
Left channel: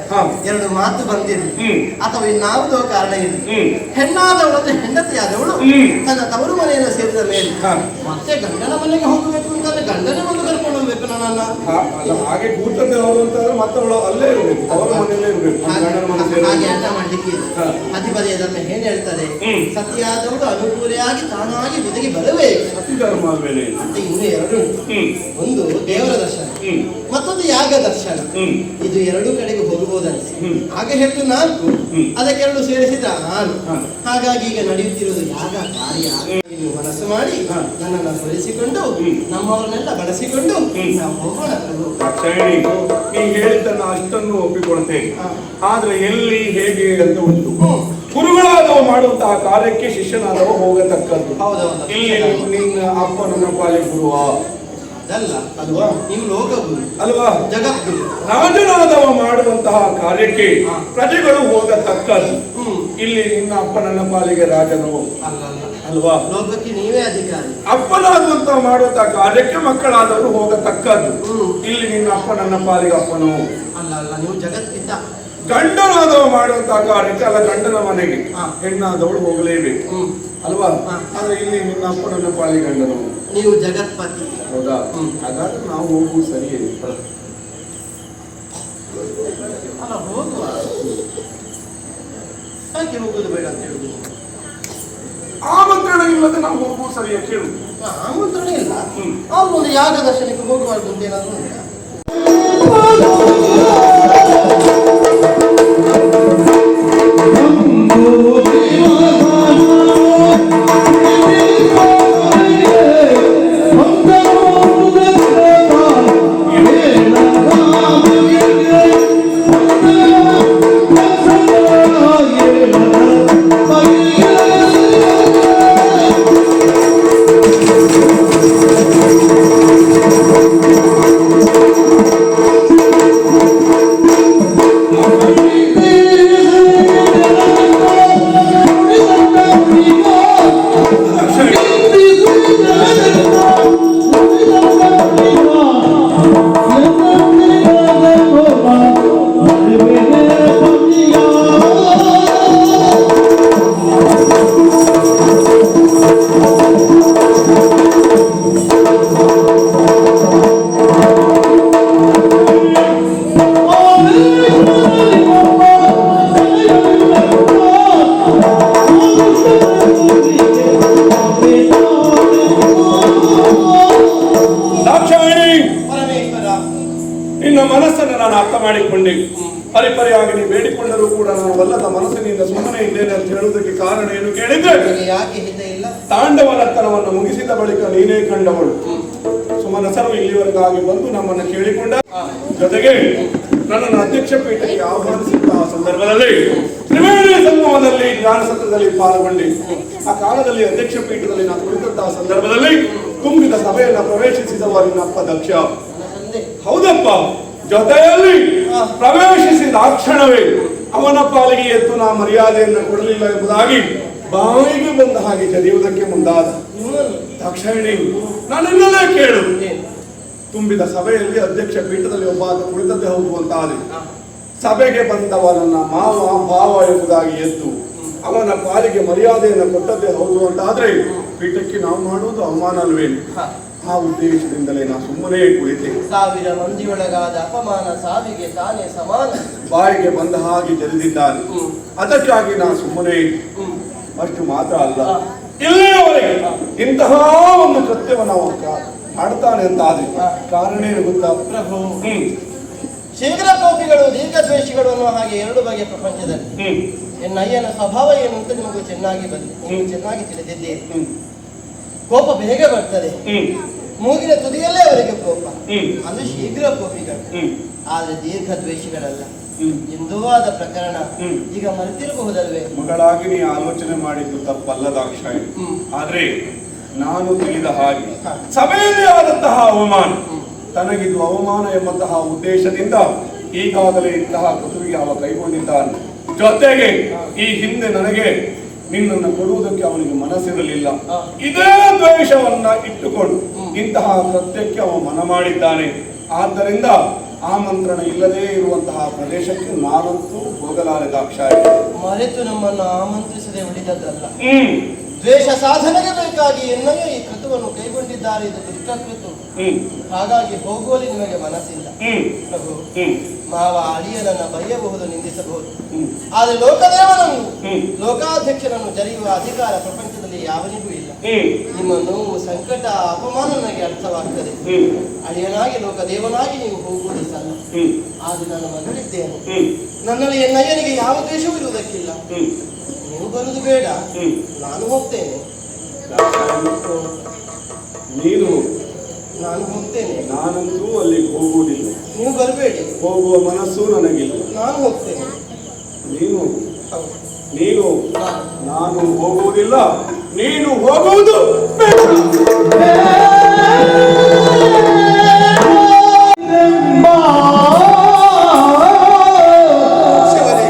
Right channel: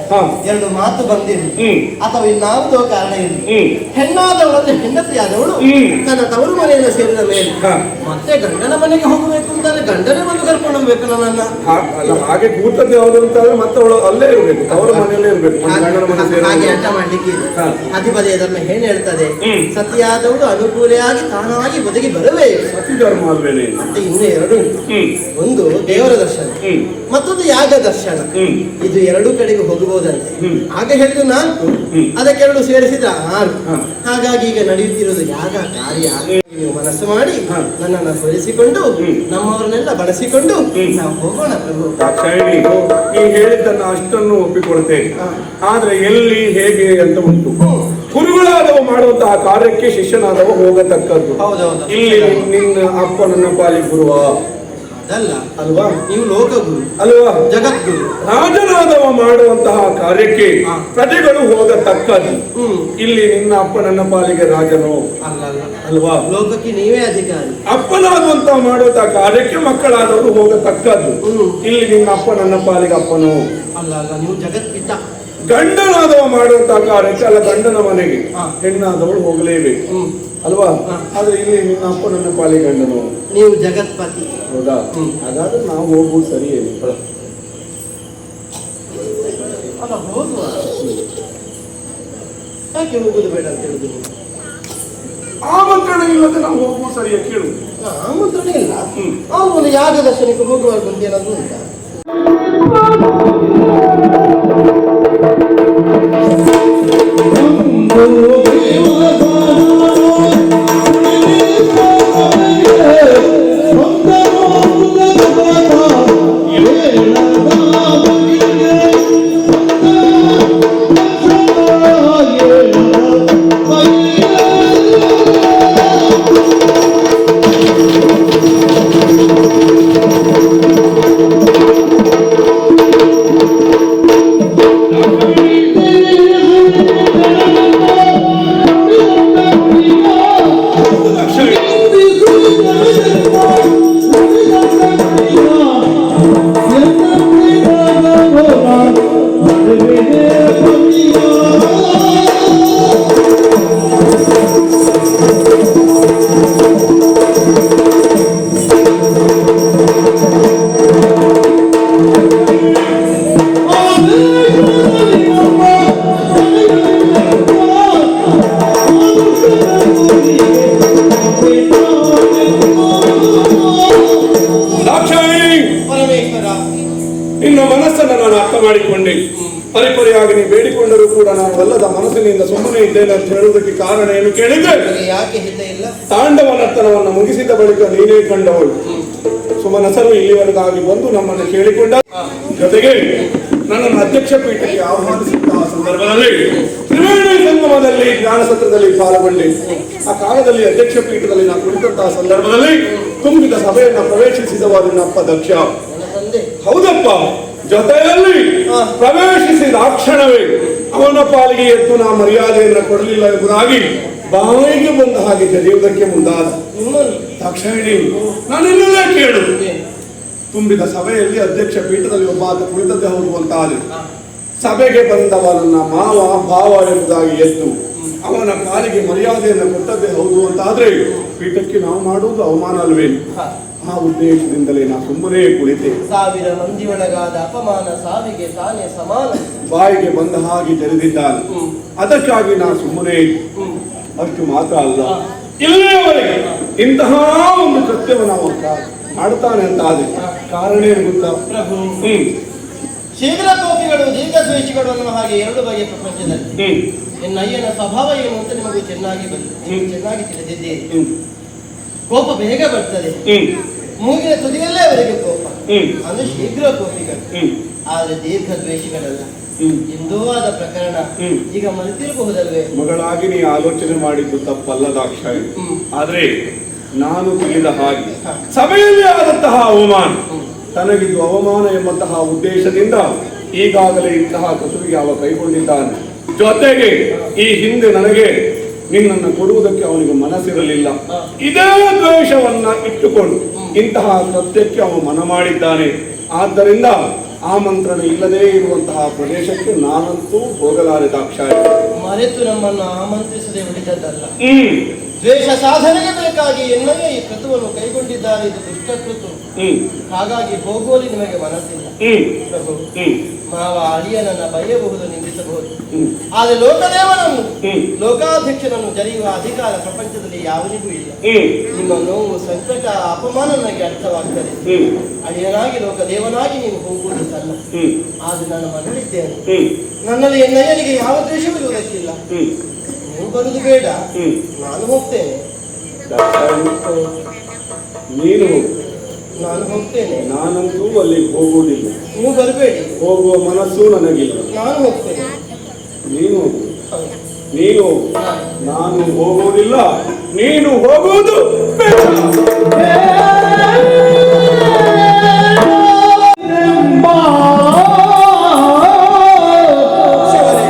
ಎರಡು ಮಾತು ಬಂದಿರಲಿ ಅಥವಾ ಇನ್ನಾವುದೋ ಕಾರಣ ಇರಲಿ, ಹೆಣ್ಣಾದವಳನ್ನು ಹೆಂಡತಿಯಾದವಳು ತನ್ನ ತವರು ಮನೆಯನ್ನು ಸೇರಿದ ಮೇಲೆ ಮತ್ತೆ ಗಂಡನ ಮನೆಗೆ ಹೋಗಬೇಕು ಅಂತಾದ್ರೆ ಗಂಡನೇ ಬಂದು ಕರ್ಕೊಂಡು ಹೋಗ್ಬೇಕು ನನ್ನನ್ನ. ಹಾಗೆ ಕೂತದ್ದೇ ಹೋಗುದು ಅಂತಂದ್ರೆ ಮತ್ತೆ ಅವಳು ಅಲ್ಲೇ ಇರ್ಬೇಕು, ಅವರ ಮನೆಯಲ್ಲೇ ಇರ್ಬೇಕು. ಹಾಗೆ ಅಡ್ಡ ಮಾಡ್ಲಿಕ್ಕೆ ಅಧಿಪತಿಯ ಧರ್ಮ ಏನ್ ಹೇಳ್ತದೆ? ಸತಿಯಾದವಳು ಅನುಕೂಲೆಯಾಗಿ ತಾನಾಗಿ ಬದುಕಿ ಬರಬೇಕು. ಸತಿ ಧರ್ಮ ಅಲ್ವೇನೆ. ಮತ್ತೆ ಇನ್ನು ಎರಡು ಉಂಟು. ಒಂದು ದೇವರ ದರ್ಶನ, ಮತ್ತೊಂದು ಯಾಗ ದರ್ಶನ. ಇದು ಎರಡೂ ಕಡೆಗೂ ಹೋಗಬಹುದಂತೆ. ಆಗ ಹೇಳಿದ್ರು 4, ಅದಕ್ಕೆರಡು ಸೇರಿಸಿದ 6. ಹಾಗಾಗಿ ಈಗ ನಡೆಯುತ್ತಿರುವುದು ಯಾಗ ಕಾರ್ಯ. ನೀವು ಮನಸ್ಸು ಮಾಡಿ ಹಾ. ನನ್ನನ್ನು ಸ್ಮರಿಸಿಕೊಂಡು ನಮ್ಮವರನ್ನೆಲ್ಲ ಬಳಸಿಕೊಂಡು ನಾವು ಹೋಗೋಣ ಪ್ರಭು. ದಾಕ್ಷಾಯಿಣಿ, ನೀ ಹೇಳಿದ್ದನ್ನ ಅಷ್ಟನ್ನು ಒಪ್ಪಿಕೊಳ್ತೇನೆ. ಆದ್ರೆ ಎಲ್ಲಿ ಹೇಗೆ ಅಂತ ಉಂಟು. ಗುರುಗಳಾದವ ಮಾಡುವಂತಹ ಕಾರ್ಯಕ್ಕೆ ಶಿಷ್ಯನಾದವ ಹೋಗತಕ್ಕದ್ದು. ಹೌದೌದು. ಇಲ್ಲಿ ನಿನ್ನ ಅಪ್ಪ ನನ್ನ ಪಾಲಿ ಗುರುವ ಅದಲ್ಲ ಅಲ್ವಾ? ನೀವು ಲೋಕಗುರು ಅಲ್ವಾ? ಜಗದ್ಗುರು. ರಾಜನಾದವ ಮಾಡುವಂತಹ ಕಾರ್ಯಕ್ಕೆ ಪ್ರಜೆಗಳು ಹೋಗತಕ್ಕದ್ದು. ಇಲ್ಲಿ ನಿನ್ನ ಅಪ್ಪ ನನ್ನ ಪಾಲಿಗೆ ರಾಜನು ಅಲ್ಲಲ್ಲ ಅಲ್ವಾ? ಲೋಕಕ್ಕೆ ನೀವೇ ಅಧಿಕಾರಿ. ಅಪ್ಪನಾಗುವಂತ ಮಾಡುವಂತಹ ಕಾರ್ಯಕ್ಕೆ ಮಕ್ಕಳಾದವರು ಹೋಗತಕ್ಕದ್ದು. ಇಲ್ಲಿ ನಿನ್ನ ಅಪ್ಪ ನನ್ನ ಪಾಲಿಗೆ ಅಪ್ಪನು ಅಲ್ಲ ಅಲ್ಲ ನೀವು ಜಗತ್ಪಿತ. ಗಂಡನಾದವ ಮಾಡುವಂತಹ ಕಾರ್ಯಕ್ಕೆ ಅಲ್ಲ ಗಂಡನ ಮನೆಗೆ ಹೆಣ್ಣಾದವಳು ಹೋಗಲೇಬೇಕು ಅಲ್ವಾ? ಆದ್ರೆ ಇಲ್ಲಿ ನಿನ್ನ ಅಪ್ಪ ನನ್ನ ಪಾಲಿಗೆ ಗಂಡನು, ನೀವು ಜಗತ್ಪತಿ. ಹೌದಾ? ಹಾಗಾದ್ರೆ ನಾವು ಹೋಗುವುದು ಸರಿಯೇ? ಅಲ್ಲ ಹೋಗುವ, ಯಾಕೆ ಹೋಗುದು ಬೇಡ ಅಂತ ಹೇಳುದು ನೀವು? ಆಮಂತ್ರಣ ಇಲ್ಲದೆ ನಾವು ಹೋಗುವುದು ಸರಿಯೇ? ಕೇಳು. ಆಮಂತ್ರಣ ಇಲ್ಲ. ಅವ್ರು ಒಂದು ಯಾಗ ದರ್ಶನಕ್ಕೆ ಹೋಗುವಾಗ ಅಂತ ಏನಾದ್ರು ಉಂಟಾ? ಮಾಡಿಕೊಂಡೆ. ಪರಿಪರಿಯಾಗಿ ನೀ ಬೇಡಿಕೊಂಡರೂ ಕೂಡ ನಾನು ಒಲ್ಲದ ಮನಸ್ಸಿನಿಂದ ಸುಮ್ಮನೆ ಇದ್ದೇನೆ ಅಂತ ಹೇಳುವುದಕ್ಕೆ ಕಾರಣ ಏನು ಕೇಳಿದ್ರೆ, ಯಾಕೆ ಹಿತ ಇಲ್ಲ? ತಾಂಡವ ನರ್ತನವನ್ನು ಮುಗಿಸಿದ ಬಳಿಕ ನೀನೇ ಕಂಡವಳು. ಸುಮನಸರು ಇಲ್ಲಿವರೆಗಾಗಿ ಬಂದು ನಮ್ಮನ್ನು ಕೇಳಿಕೊಂಡ ಜೊತೆಗೆ ನನ್ನನ್ನು ಅಧ್ಯಕ್ಷ ಪೀಠಕ್ಕೆ ಆಹ್ವಾನಿಸಿದ್ದ ಸಂದರ್ಭದಲ್ಲಿ ತ್ರಿವೇಣಿ ಸಂಗಮದಲ್ಲಿ ಜ್ಞಾನಸತ್ರದಲ್ಲಿ ಪಾಲ್ಗೊಂಡೆ. ಆ ಕಾಲದಲ್ಲಿ ಅಧ್ಯಕ್ಷ ಪೀಠದಲ್ಲಿ ನಾನು ಕುಳಿತಂತಹ ಸಂದರ್ಭದಲ್ಲಿ ತುಂಬಿದ ಸಭೆಯನ್ನು ಪ್ರವೇಶಿಸಿದವ ನಿನ್ನಪ್ಪ ದಕ್ಷ. ಹೌದಪ್ಪ, ಜೊತೆಯಲ್ಲಿ ಪ್ರವೇಶಿಸಿದ ಆ ಕ್ಷಣವೇ ಅವನ ಪಾಲಿಗೆ ಎದ್ದು ನಾ ಮರ್ಯಾದೆಯನ್ನು ಕೊಡಲಿಲ್ಲ ಎಂಬುದಾಗಿ ಬಾಯಿಗೆ ಬಂದ ಹಾಗೆ ಜರಿಯುವುದಕ್ಕೆ ಮುಂದಾದ. ದಾಕ್ಷಾಯಿಣಿ, ನಾನೆಲ್ಲೇ ಕೇಳು. ತುಂಬಿದ ಸಭೆಯಲ್ಲಿ ಅಧ್ಯಕ್ಷ ಪೀಠದಲ್ಲಿ ಒಬ್ಬ ಆತ ಕುಳಿತದ್ದೇ ಹೌದು ಅಂತ ಆದ್ರೆ ಸಭೆಗೆ ಬಂದವನನ್ನ ಮಾವ ಭಾವ ಎಂಬುದಾಗಿ ಎದ್ದು ಅವನ ಕಾಲಿಗೆ ಮರ್ಯಾದೆಯನ್ನು ಕೊಟ್ಟದ್ದೇ ಹೌದು ಅಂತ ಆದ್ರೆ ಪೀಠಕ್ಕೆ ನಾವು ಮಾಡುವುದು ಅವಮಾನ ಅಲ್ವೇನು? ಆ ಉದ್ದೇಶದಿಂದಲೇ ನಾ ಸುಮ್ಮನೆ ಕುಳಿತೆ. ಸಾವಿರ ಮಂದಿ ಒಳಗಾದ ಅಪಮಾನ ಸಾವಿಗೆ ತಾನೇ ಸಮಾನ. ಬಾಯಿಗೆ ಬಂದ ಹಾಗೆ ಜರಿದಿದ್ದಾನೆ. ಅದಕ್ಕಾಗಿ ನಾ ಸುಮ್ಮನೆ. ಅಷ್ಟು ಮಾತ್ರ ಅಲ್ಲ, ಇಲ್ಲಿಯವರೆಗೆ ಇಂತಹ ಒಂದು ಕೃತ್ಯವನ್ನು ನಾವು ಮಾಡ್ತಾನೆ ಅಂತ ಆದ್ರೆ ಕಾರಣ ಏನು ಗೊತ್ತಾ ಪ್ರಭು? ಶೀಘ್ರ ಕೋಪಿಗಳು ದೀರ್ಘ ದ್ವೇಷಿಗಳು ಅನ್ನುವ ಹಾಗೆ ಎರಡು ಬಗೆಯ ಪ್ರಪಂಚದಲ್ಲಿ ಎನ್ನಯ್ಯನ ಸ್ವಭಾವ ಏನು ಅಂತ ನಿಮಗೆ ಚೆನ್ನಾಗಿ ಚೆನ್ನಾಗಿ ತಿಳಿದಿದ್ದೀರಿ. ಕೋಪ ಬೇಗ ಬರ್ತದೆ, ಮೂಗಿನ ತುದಿಯಲ್ಲೇ ಅವರಿಗೆ ಕೋಪ, ಅಂದ್ರೆ ಶೀಘ್ರ ಕೋಪಿಗಳು. ಆದ್ರೆ ದೀರ್ಘ ದ್ವೇಷಿಗಳಲ್ಲ. ಇಂದೂ ಆದ ಪ್ರಕರಣ ಈಗ ಮರೆತಿರಬಹುದಲ್ವೇ? ಮಗಳಾಗಿ ನೀ ಆಲೋಚನೆ ಮಾಡಿದ್ದು ತಪ್ಪಲ್ಲ ದಾಕ್ಷಾಯಿ. ಆದ್ರೆ ನಾನು ತಿಳಿದ ಹಾಗೆ ಸಭೆಯಲ್ಲಿ ಆದಂತಹ ಅವಮಾನ ತನಗಿದು ಅವಮಾನ ಎಂಬಂತಹ ಉದ್ದೇಶದಿಂದ ಈಗಾಗಲೇ ಇಂತಹ ಕಸುವಿಗೆ ಅವ ಕೈಗೊಂಡಿದ್ದಾನೆ. ಜೊತೆಗೆ ಈ ಹಿಂದೆ ನನಗೆ ನಿನ್ನನ್ನು ಕೊಡುವುದಕ್ಕೆ ಅವನಿಗೆ ಮನಸ್ಸಿರಲಿಲ್ಲ. ಇದೇ ದ್ವೇಷವನ್ನ ಇಟ್ಟುಕೊಂಡು ಇಂತಹ ಕೃತ್ಯಕ್ಕೆ ಅವ ಮನ ಮಾಡಿದ್ದಾನೆ. ಆದ್ದರಿಂದ ಆಮಂತ್ರಣ ಇಲ್ಲದೇ ಇರುವಂತಹ ಪ್ರದೇಶಕ್ಕೆ ನಾನಂತೂ ಹೋಗಲಾರೆ ದಾಕ್ಷಾಯಿ. ಮರೆತು ನಮ್ಮನ್ನು ಆಮಂತ್ರಿಸದೆ ಉಳಿದದ್ದಲ್ಲ. ದ್ವೇಷ ಸಾಧನೆಗೆ ಬೇಕಾಗಿ ಎನ್ನಯ್ಯ ಈ ಕೃತವನ್ನು ಕೈಗೊಂಡಿದ್ದಾರೆ. ಇದು ದುಷ್ಟಕೃತು. ಹಾಗಾಗಿ ಹೋಗುವಲ್ಲಿ ನಿಮಗೆ ಮನಸ್ಸಿಲ್ಲ ಪ್ರಭು. ಮಾವ ಅಳಿಯನನ್ನ ಬಯ್ಯಬಹುದು, ನಿಂದಿಸಬಹುದು. ಆದರೆ ಲೋಕದೇವನನ್ನು ಲೋಕಾಧ್ಯಕ್ಷನನ್ನು ಜರಿಯುವ ಅಧಿಕಾರ ಪ್ರಪಂಚದಲ್ಲಿ ಯಾವನಿಗೂ ಇಲ್ಲ. ನಿಮ್ಮ ನೋವು, ಸಂಕಟ, ಅಪಮಾನ ನನಗೆ ಅರ್ಥವಾಗ್ತದೆ. ಅಳಿಯನಾಗಿ ಲೋಕದೇವನಾಗಿ ನೀವು ಹೋಗುವುದು ಸಲ್ಲ. ಆದ್ರೆ ನಾನು ಮನಳಿದ್ದೇನೆ. ನನ್ನಲ್ಲಿ ಎನ್ನಯ್ಯನಿಗೆ ಯಾವ ದ್ವೇಷವಿರುವುದಕ್ಕಿಲ್ಲ. ನೀವು ಬರುವುದು ಬೇಡ, ನಾನು ಹೋಗ್ತೇನೆ. ನೀನು ನಾನು ಹೋಗ್ತೇನೆ. ನಾನಂತೂ ಅಲ್ಲಿಗೆ ಹೋಗುವುದಿಲ್ಲ. ನೀವು ಬರಬೇಡಿ. ಹೋಗುವ ಮನಸ್ಸು ನನಗಿಲ್ಲ. ನಾನು ಹೋಗ್ತೇನೆ. ನೀನು ಹೌದು. ನೀನು ನಾನು ಹೋಗುವುದಿಲ್ಲ. ನೀನು ಹೋಗುವುದು ಬೇಡ. ಶಿವರೇ,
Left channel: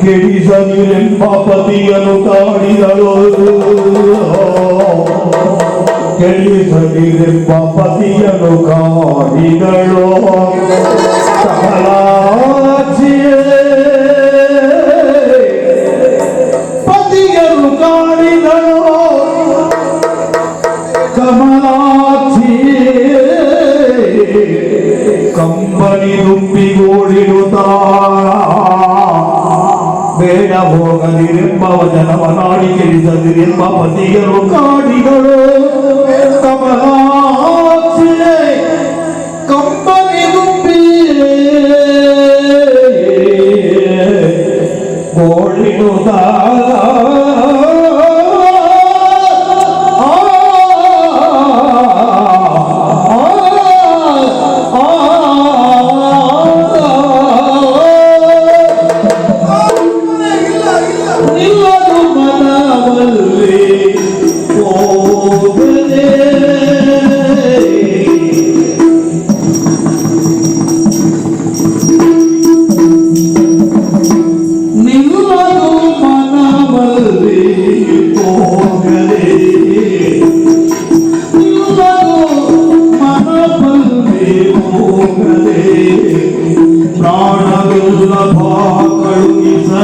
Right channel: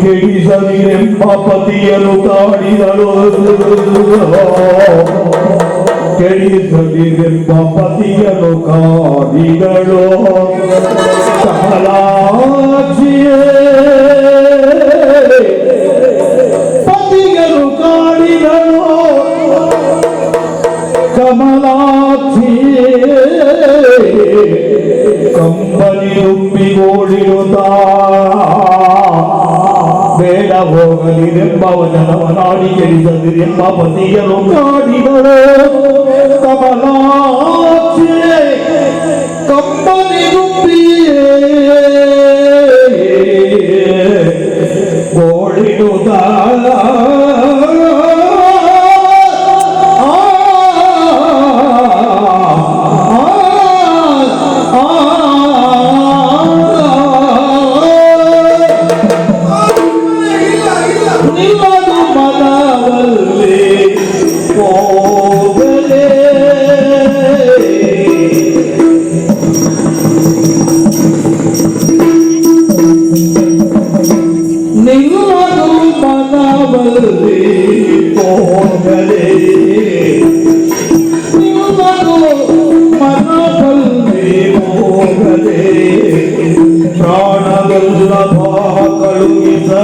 ಕೆಡಿಸದಿರೆಂಬ ಪತಿಯನ್ನು ಕಾಡಿದಳು, ಕೆಡಿಸದಿರೆಂಬ ಪತಿಯನ್ನು ಕಾಡಿದಳು. ಕಮಲಾಕ್ಷಿಯೇ ಪತಿಯನ್ನು ಕಾಡಿದಳು, ಕಮಲಾಕ್ಷಿಯೇ ಕಂಬನಿ ನುಪ್ಪಿಗೋಡಿರುತ್ತಾ ಬೇಡ ಹೋಗದಿರೆಂಬ ವಚನವನಾಡಿ ಕೆಡಿಸದಿರೆಂಬ ಪತಿಯನ್ನು ಕಾಡಿದಳು. ಕಮಲಾಕ್ಷಿಯೇ ಕಂಬನಿ ನುಪ್ಪಿಯೇ ಓಡಿರುತ್ತಾ ನಿಲ್ಲದು ಮನದಲ್ಲಿ ಹೋಗಲೇ. ನಿಲ್ಲದು ಮನದಲ್ಲಿ ಹೋಗಲೇ, ನಿಲ್ಲದು ಮನದಲ್ಲಿ ಹೋಗಲೇ. ಪ್ರಾಣವೆಲ್ಲ ಕಳುಹಿಸಲಾಗದೆ,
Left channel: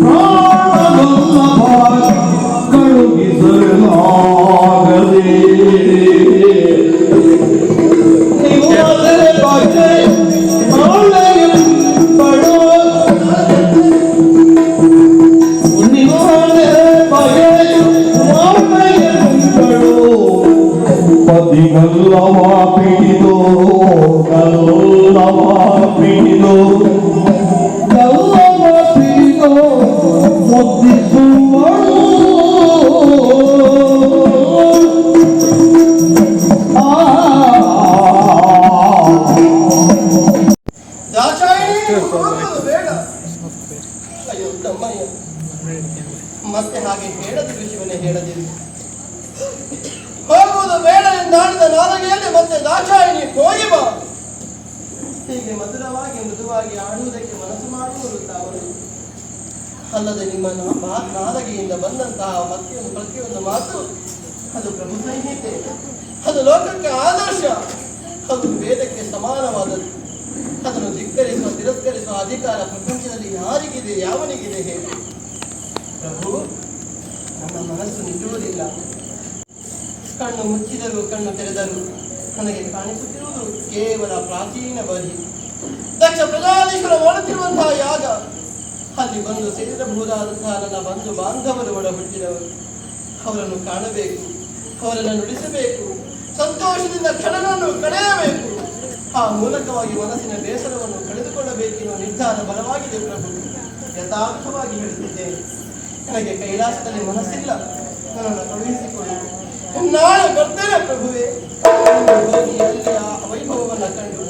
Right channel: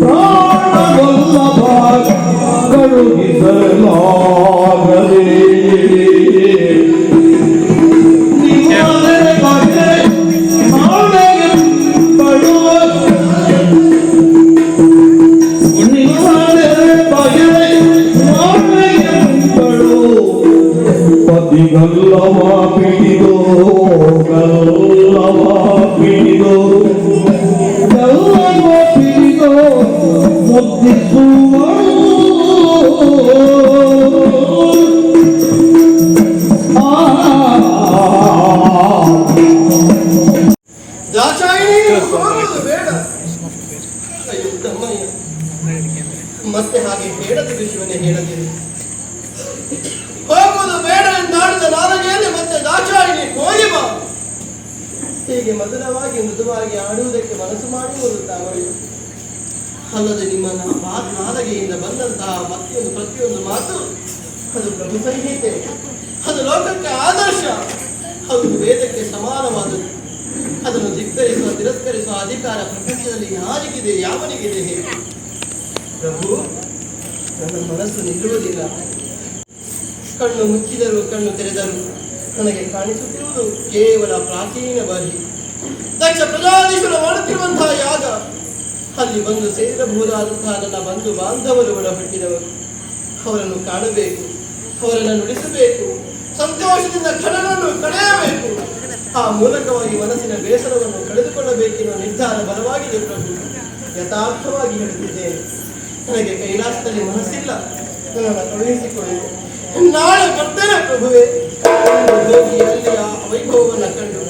ಪ್ರಾಣವೆಲ್ಲ ಕಳುಹಿಸಲಾಗದೆ. ನಿಮ್ಮದರೆ ಬಗೆ ಮಾಳೆಯಂಬಳು, ನಿಮ್ಮದರೆ ಬಗೆ ಮಾಳೆಯಂಬಳು. ಪತಿಗಲ್ಲವ ಪಿಡಿದು, ಗಲ್ಲವ ಪಿಡಿದು, ಗಲ್ಲವ ಪಿಡಿದು ಮುದ್ದಿಸುವಳು. ದಾಕ್ಷಾಯಿಣಿ, ಹೋಗುವುದು ಬೇಡ. ಅಯ್ಯೋ ತಮ್ಮಯ್ಯ, ಮತ್ತೆ ಹಾಗೆ ಹೇಳದ ವಿಷಯವನ್ನೇ ಹೇಳದಿರು. ಹೋಗುವುದು ಬೇಡ ಎಂದಾಡಿದ ನಾಲಿಗೆಯಲ್ಲಿ ಮತ್ತೆ ದಾಕ್ಷಾಯಿಣಿ ಹೋಗಿ ಬಾ. ಹೀಗೆ ಮಧುರವಾಗಿ ಮೃದುವಾಗಿ ಆಡುವುದಕ್ಕೆ ಮನಸ್ಸು ಮಾಡುವುದು ತಾವಳು. ಅಲ್ಲದೆ ನಿಮ್ಮ ನಾಲಿಗೆಯಿಂದ ಬಂದಂತಹ ಪ್ರತಿಯೊಂದು ಮಾತು ಅದು ಪ್ರಭು ಸಂಹಿತೆ, ಅದು ಲೋಕಕ್ಕೆ ಆದರ್ಶ, ಅದು ವೇದಕ್ಕೆ ಸಮಾನವಾದದ್ದು. ಅದನ್ನು ಧಿಕ್ಕರಿಸುವ ತಿರಸ್ಕರಿಸುವ ಅಧಿಕಾರ ಪ್ರಪಂಚದಲ್ಲಿ ಯಾರಿಗಿದೆ, ಯಾವನಿಗಿದೆ ಹೇಗೆ? ಪ್ರಭು, ನನ್ನ ಮನಸ್ಸು ನಿಲ್ಲುವುದಿಲ್ಲ. ಕಣ್ಣು ಮುಚ್ಚಿದರೂ ಕಣ್ಣು ತೆರೆದರೂ ನನಗೆ ಕಾಣಿಸುತ್ತಿರುವುದು ಕೇವಲ ಪ್ರಾಚೀನ ಬರಿ. ದಕ್ಷ ಪ್ರಜಾಧೀಶರು ಮಾಡುತ್ತಿರುವಂತಹ ಯಾಗ, ಅಲ್ಲಿ ಬಂದು ಸೇರಬಹುದಾದಂತಹ ನನ್ನ ಬಂಧು ಬಾಂಧವರು ಒಳಬಿಟ್ಟಿದವರು. ಅವರನ್ನು ಕಾಣಬೇಕು, ಅವರನ್ನು ನುಡಿಸಬೇಕು, ಸಂತೋಷದಿಂದ ಕ್ಷಣಗಳನ್ನು ಕಳೆಯಬೇಕು. ಆ ಮೂಲಕವಾಗಿ ಮನಸ್ಸಿನ ಬೇಸರವನ್ನು ಕಳೆದುಕೊಳ್ಳಬೇಕೆನ್ನುವ ನಿರ್ಧಾರ ಬಲವಾಗಿದೆ ಪ್ರಭು. ಯಥಾರ್ಥವಾಗಿ ಹೇಳುತ್ತಿದ್ದೇನೆ, ನನಗೆ ಕೈಲಾಸದಲ್ಲಿ ಮನಸ್ಸಿಲ್ಲ, ನನ್ನನ್ನು ಕಳುಹಿಸಿಕೊಳ್ಳಿ. ನಾಳೆ ಬರ್ತೇನೆ ಪ್ರಭುವೆ. ಹೋಗಿ ಅಲ್ಲಿಯ ವೈಭವವನ್ನು ಕಂಡು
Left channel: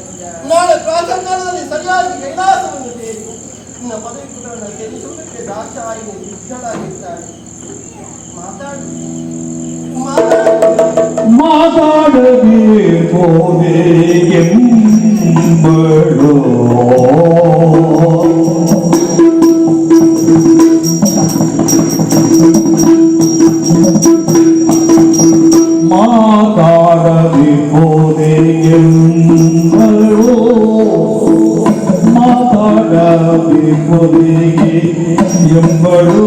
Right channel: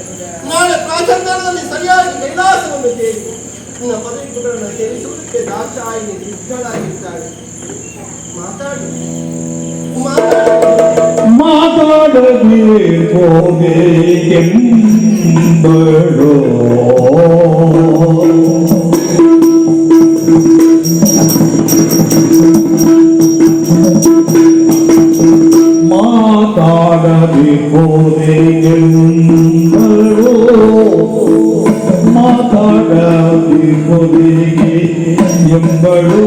ನಾಳೆ ಪ್ರಾತಃಕಾಲದಲ್ಲಿ ಸರಿಯಾಗಿ ಕೈಲಾಸವನ್ನು ಸೇರಿ ನನ್ನ ಪದವಿ ಪುಟವನ್ನು ಸೇರಿಸುವುದಕ್ಕೆ ದಾಕ್ಷಾಯಿಣಿ ಸಿದ್ಧಳಾಗಿದ್ದಾಳೆ. ಮಾತಾಡು, ಮಾತಾಡದಿರುವುದೇ ಎಂಬಳು. ಮಾತಾಡದಿರುವುದೇ ಎಂಬಳು, ಮಾತಾಡದಿರುವುದೇ ಎಂಬಳು.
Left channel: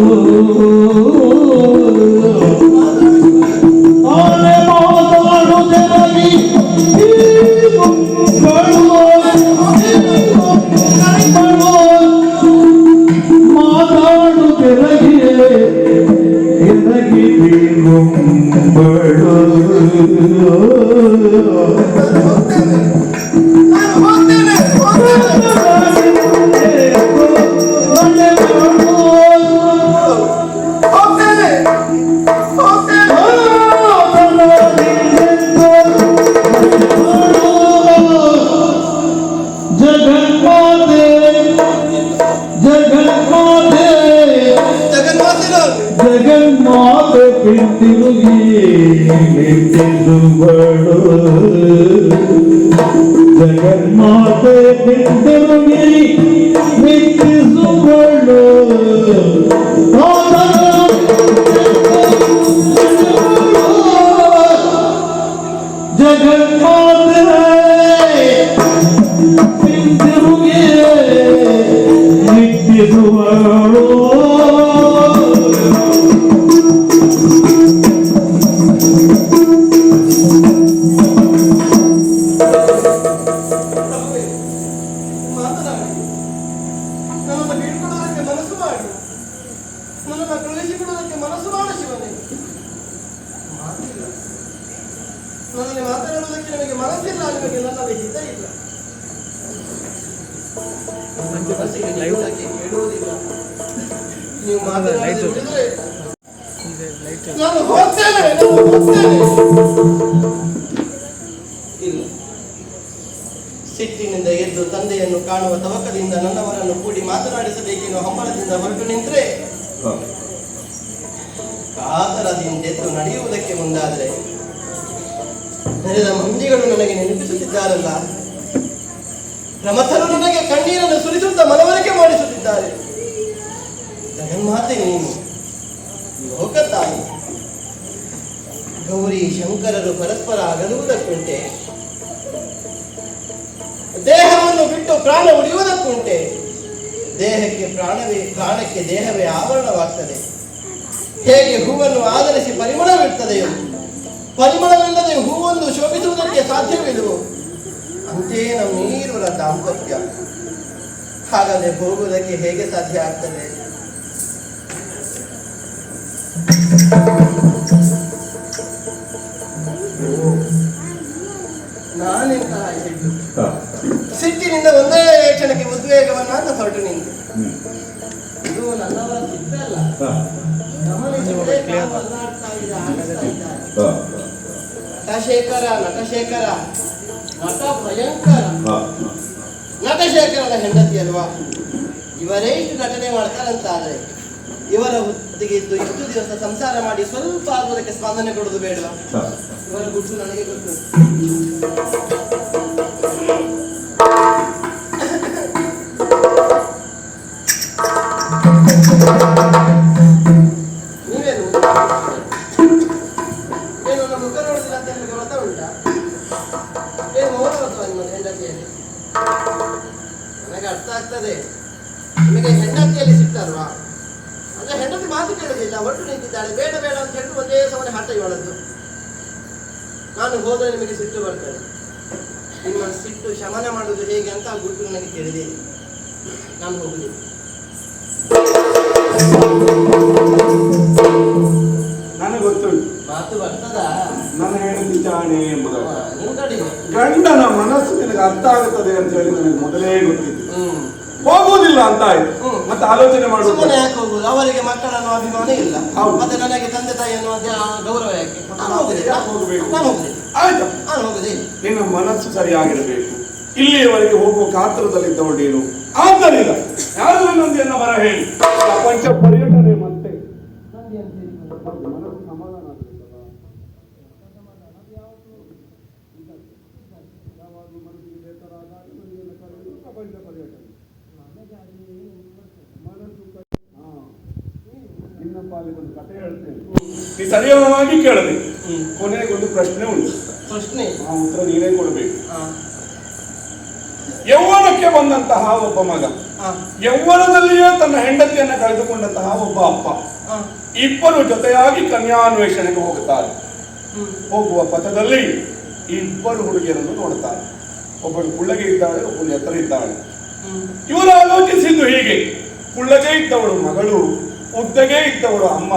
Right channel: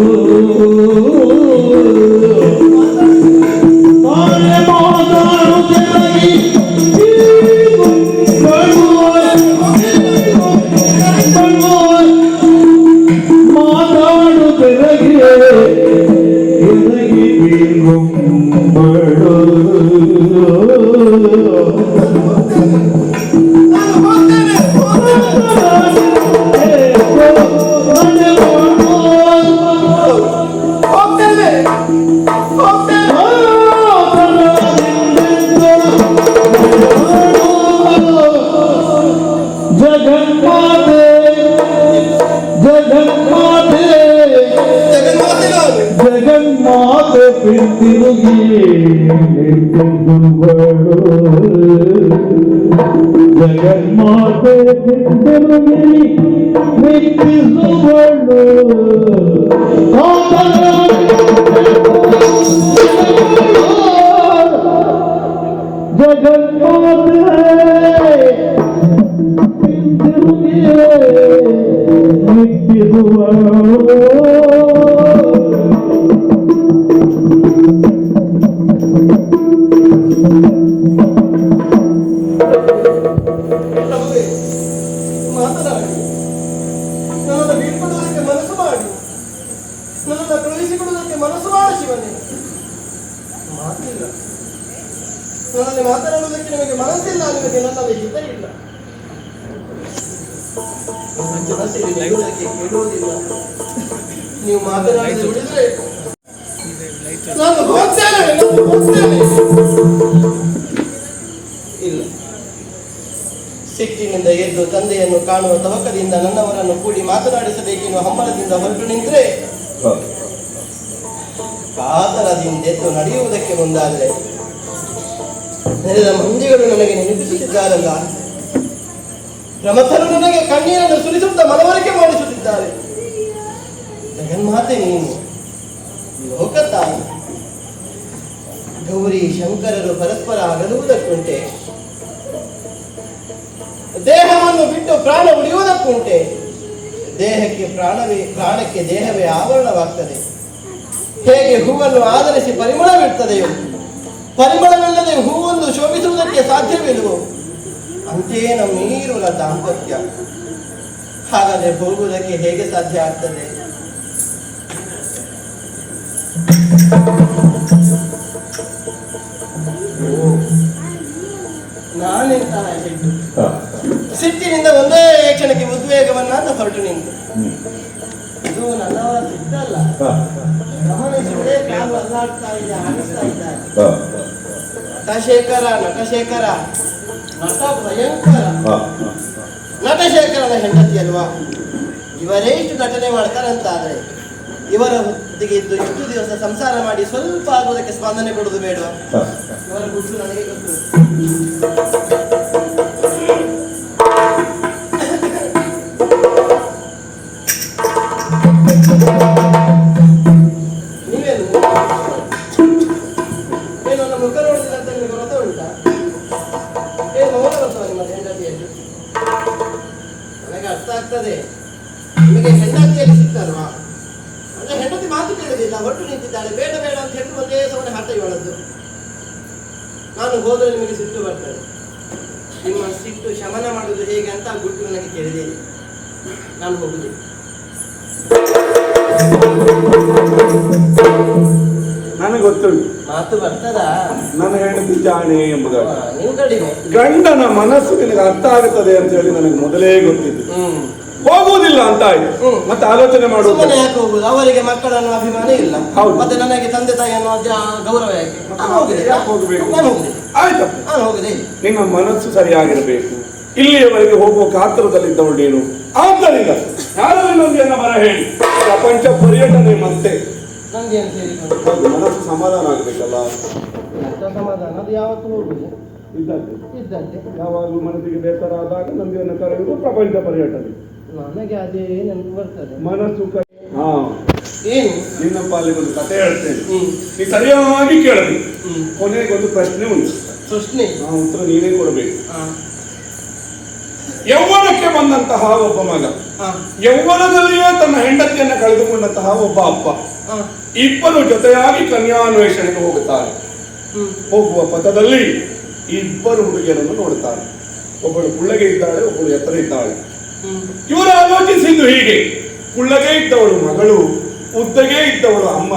ಹಿಂದಿರುಗಿ ಮೆಚ್ಚಿಸುವಳು ಜಗನ್ಮಾತೆ ಹಿಂದಿರುಗಿ ಮೆಚ್ಚಿಸುವಳು ಪ್ರಭುವೇ, ಮಾತನಾಡಿ ನನ್ನನ್ನು ಬೀಳ್ಕೊಡುವುದಕ್ಕೆ ಮನಸ್ಸು ಮಾಡಿ, ನನ್ನನ್ನು ಕಳುಹಿಸಿಕೊಡುವುದಕ್ಕೆ ಮನಸ್ಸು ಮಾಡ ಶಿವನೇ. ಮಾತಿಲ್ಲ, ನನ್ನಲ್ಲಿ ಮಾತನಾಡುವುದಕ್ಕೆ ನಿಮಗೆ ಮನಸ್ಸಿಲ್ಲ, ನಿಮಗೆ ನನ್ನಲ್ಲಿ ಹಿತ ಇಲ್ಲ. ಮನಸ್ಸಿಗೆ ನೀಡುವುದಕ್ಕೆ ಕೇಳುವುದಿಲ್ಲ. ನೀವು ಮಾತನಾಡದೆ ಬಿಡಿದ್ರೆ ನಾನು ಹೋಗ್ತೇನೆ. ಇಲ್ಲ, ಸಿಟ್ಟಿನಿಂದ ಎದ್ದು ತಂದೆಯನ್ನು ಕಾಣುವ ತವಕದಿಂದ ನನ್ನವರನ್ನು ಕೂಡಿ ಮಾತನಾಡಿಸಬೇಕೆನ್ನುವ ಹಂಬಲದಿಂದ ಹೊರಟು ನಿಂತರೆ, ಕಾತರದಿಂದೆದ್ದು ನಡೆಯುವುದಕ್ಕೆ ಮುಂದಾದರೆ ನೆರೆದ ಮಂದಿಗಳು ನನಗೆ ನೆನಪಿಸುತ್ತಿದ್ದಾರಲ್ಲ, ಪ್ರಮಥರು ನನಗೆ ಕಣ್ಣೀರನ್ನು ಸುರಿಸುತ್ತಾ ಮನವರಿಕೆ ಮಾಡಿಸುತ್ತಿದ್ದಾರೆ. ಜಗನ್ಮಾತೆ ನೀನು ಲೋಕತಾಯಿ, ಗೌರಿ ಶಂಕರರು ಪರಸ್ಪರ ಅಗಲುವುದಕ್ಕುಂಟೆ, ದೇಹವನ್ನು ಬಿಟ್ಟು ಪ್ರಾಣ ಉಳಿಯುವುದಕ್ಕುಂಟೆ. ದೇಹಕ್ಕೆ ಪ್ರಾಣಕ್ಕೆ ದೇಹವೇ ಆವರಣವಾಗ್ತದೆ. ಹೇಗೆ ಹೂವನ್ನು ಆಧರಿಸಿ ಪರಿಮಳವಿರ್ತದೆಯೋ, ಪರಿಮಳವಿಲ್ಲದೆ ಹೂವೊಂದು ಶೋಭಿಸುವುದಕ್ಕೆ ಸಾಧ್ಯವಿಲ್ಲವೋ, ಅಂತೆಯೇ ನಮ್ಮೀರುವರ ದಾಂಪತ್ಯ. ಹಾಗಾದರೆ ಹೋಗುವುದಕ್ಕೆ ಹೇಗೆ ಸಾಧ್ಯ ಆಗ್ತದೆ? ನಾನೆಂತಹ ಹೆಣ್ಣು, ಸಿಟ್ಟಿನಿಂದ ಒಂದೇ ಕ್ಷಣಕ್ಕೆ ಉದ್ವೇಗವನ್ನ ಹೊರಟು ನಿಂತೆ. ಇದು ನನ್ನವರ ಸಿಟ್ಟಲ್ಲ, ಗಮನಿಸಿದರೆ ಕಾಲು ಅಲ್ಲಾಡ್ತಾ ಇದೆ, ಆಡಿಸ್ತಾ ಇದ್ದಾರೆ. ನಟಶೇಖರ ನಟ ಭಯಂಕರ, ನಟಶೇಖರನ ಹೆಂಡತಿ ಅಲ್ವಾ? ಇವರೇ ಇಷ್ಟು ನಟನೆ ಮಾಡ್ತಾರಂತಾದ್ರೆ ಇವರ ಹೊತ್ತಿಗೆ ಇದ್ದು ಇಷ್ಟು ದಿವಸ ಸಂಸಾರ ಮಾಡಿ ಸ್ವಲ್ಪ ಆಗುವುದಕ್ಕೆ ಸ್ಪಂದನೆ ಕೊಡುವುದು ಬೇಡವಾ? ಇವರ ಗುಟ್ಟು ನನಗೆ ಗೊತ್ತು. ನೀವೇನು ಏನು ನನ್ನ ಮುಖ ನೋಡುದಿಲ್ಲ ಅಂತ ನಿಮಗೆ ವ್ರತ ಉಂಟಾ? ಏನು ಮೌನ ವ್ರತವ ನಿಮ್ಮ ಹೆಂಡತಿಯಲ್ಲಿ? ನನಗೆ ಅರ್ಥ ಆಗ್ತದೆ, ನಿಮಗೆ ಹೆಂಡತಿಯಲ್ಲಿ ಸಿಗ್ತಲ್ವಾ? ಅಂದ್ರೆ ಹೆಂಡತಿ ಮಾತು ಕೇಳುವುದಿಲ್ಲ, ಒಟ್ಟು ನಿಂತಿದ್ದಾಳೆ, ಬೇಡ ಬೇಡ ಅಂತ ಹೇಳಿ ಒಂದೇ ಸಮನೆ ಹಠ ಇವಳದ್ದು. ನಾನು ಹೋದರೆ ನಿಮಗೆ ಸಿಟ್ಟು ಬರ್ತದೆ. ನಿಮ್ಮ ಸಿಟ್ಟು ಶಮನ ಮಾಡುವುದು ಹೇಗೆ ಅಂತ ಆ ಗುಟ್ಟು ನನಗೆ ತಿಳಿದಿದೆ. ನಾನು ಹೋಗುದಿಲ್ಲ. ನನಗೆ ಗೊತ್ತುಂಟು, ಮಾತು ಬರ್ತದಾ? ನನ್ನ ಹೆಂಡತಿ ಜಾಣೆ ಎಂಬುದಾಗಿ. ನೀವು ಕಡಿಮೆ. ಗಂಡನ ಮನಸ್ಸು ನಿನಗೆ ಅರ್ಥ ಆಗುತ್ತದೆ ಅಂತ ಹೇಳಿ ನನಗೆ ಮೊದಲೇ ಗೊತ್ತಿತ್ತು. ಹೋಗುವುದಿಲ್ಲ ಅಂತ ಆಯ್ತು, ಮತ್ತೆ ಆಲೋಚನೆ ಮಾಡುವುದು. ಸುಮ್ಮನೆ ಯಾಕೆ ಹೋಗುದು? ಅವರಿಗೆ ಮಕ್ಕಳನ್ನು ಅಭಿಮಾನ ಇಲ್ಲ, ಹೌದು. ಮತ್ತೆ ನನಗೆ ತಂದೆ ತಾಯಿಯನ್ನು ಗೌರವ ಯಾಕೆ? ನಾನು ಹೋಗುದಿಲ್ಲ. ಹೋಗಬೇಕು. ನಾನು ಹೋಗುದಿಲ್ಲ. ಆಯ್ತಪ್ಪ, ನಾನು ಹೋಗುದಿಲ್ಲ. ನಿನ್ನ ಮನಸ್ಸು ಸರಿಯಾಗಿರಬೇಕು. ಇಲ್ಲಿಯವರೆಗೆ ಹೋಗುವ ಕಾತರದಲ್ಲಿದ್ದವಳು ನೀನು. ಆದ್ದರಿಂದ ಯಾರು ಇನ್ನೊಂದೇನ ಬರ ಹೇಳಿ ಪ್ರಪಂಚ ಪರ್ಯಟನೆ ಮತ್ತೆ ನಂಗೇನು ಸೇರಿಕೊಂಡು ಹೌದು, ಮನಸ್ಸು ಸಮಾಧಾನ ಆಗ್ಬೇಕಲ್ಲ. ಸಮಾಧಾನ ಅದು ಯಾವತ್ತೂ ಹೋಗುದು ಇದ್ದದ್ದೇ ಯಾವಾಗಲೂ ಮನಸ್ಸಿಗೆ ಬೇಸರ ಆದಾಗ ನಮ್ಗೆಯನ್ನು ಕರೆಯುವುದು ಪ್ರಪಂಚ ಪರ್ಯಟನೆ. ನನಗೆ ಅದೇ ನೆನಪು ಬರ್ತದೆ. ಮನಸ್ಸು ಹಾ, ಏನು ನಿನ್ನ ಪಾಲಿಗೆ ಒಂದು ಕಥೆ ಹೇಳ್ತೇನೆ, ನೀ ಸರಿಯಾಗಿ ಕೇಳಬೇಕು. ಕೊನೆಗೊಂದು ಪ್ರಶ್ನೆ ಉಂಟು, ಪ್ರಶ್ನೆ ಆ ಉತ್ತರ ನೀನೇ ಕೊಡಬೇಕು. ಯೌವನಕ್ಕೆ ಬಂದಂತಹ ಒಬ್ಬ ಮಗ, ಯೌವನದಲ್ಲಿಯೇ ತನ್ನ ಹೆಂಡತಿಯನ್ನು ಕಳೆದುಕೊಂಡಂತಹ ಒಬ್ಬ ಅಪ್ಪ, ಇಬ್ಬರು ಜೊತೆಯಾಗಿ ಕನ್ಯಾನ್ವೇಷಣೆಗೆ ಹೋಗುತ್ತಾರೆ. ಹೋಗುವ ಪಥದಲ್ಲಿ ಇಬ್ಬರು ಹುಡುಗಿಯರನ್ನು ನೋಡುತ್ತಾರೆ. ಒಬ್ಬಳು ಕುಳ್ಳಗೆ ಇದ್ದಾಳೆ, ಒಬ್ಬಳು ಎತ್ತರ ಇದ್ದಾಳೆ. ಇವರು ಆಲೋಚಿಸಿದ್ದು ಹೀಗೆ: ಕುಳ್ಳಗೆ ಇದ್ದವಳು ಮಗಳು, ಉದ್ದಗೆ ಇದ್ದವಳು ಅಮ್ಮ.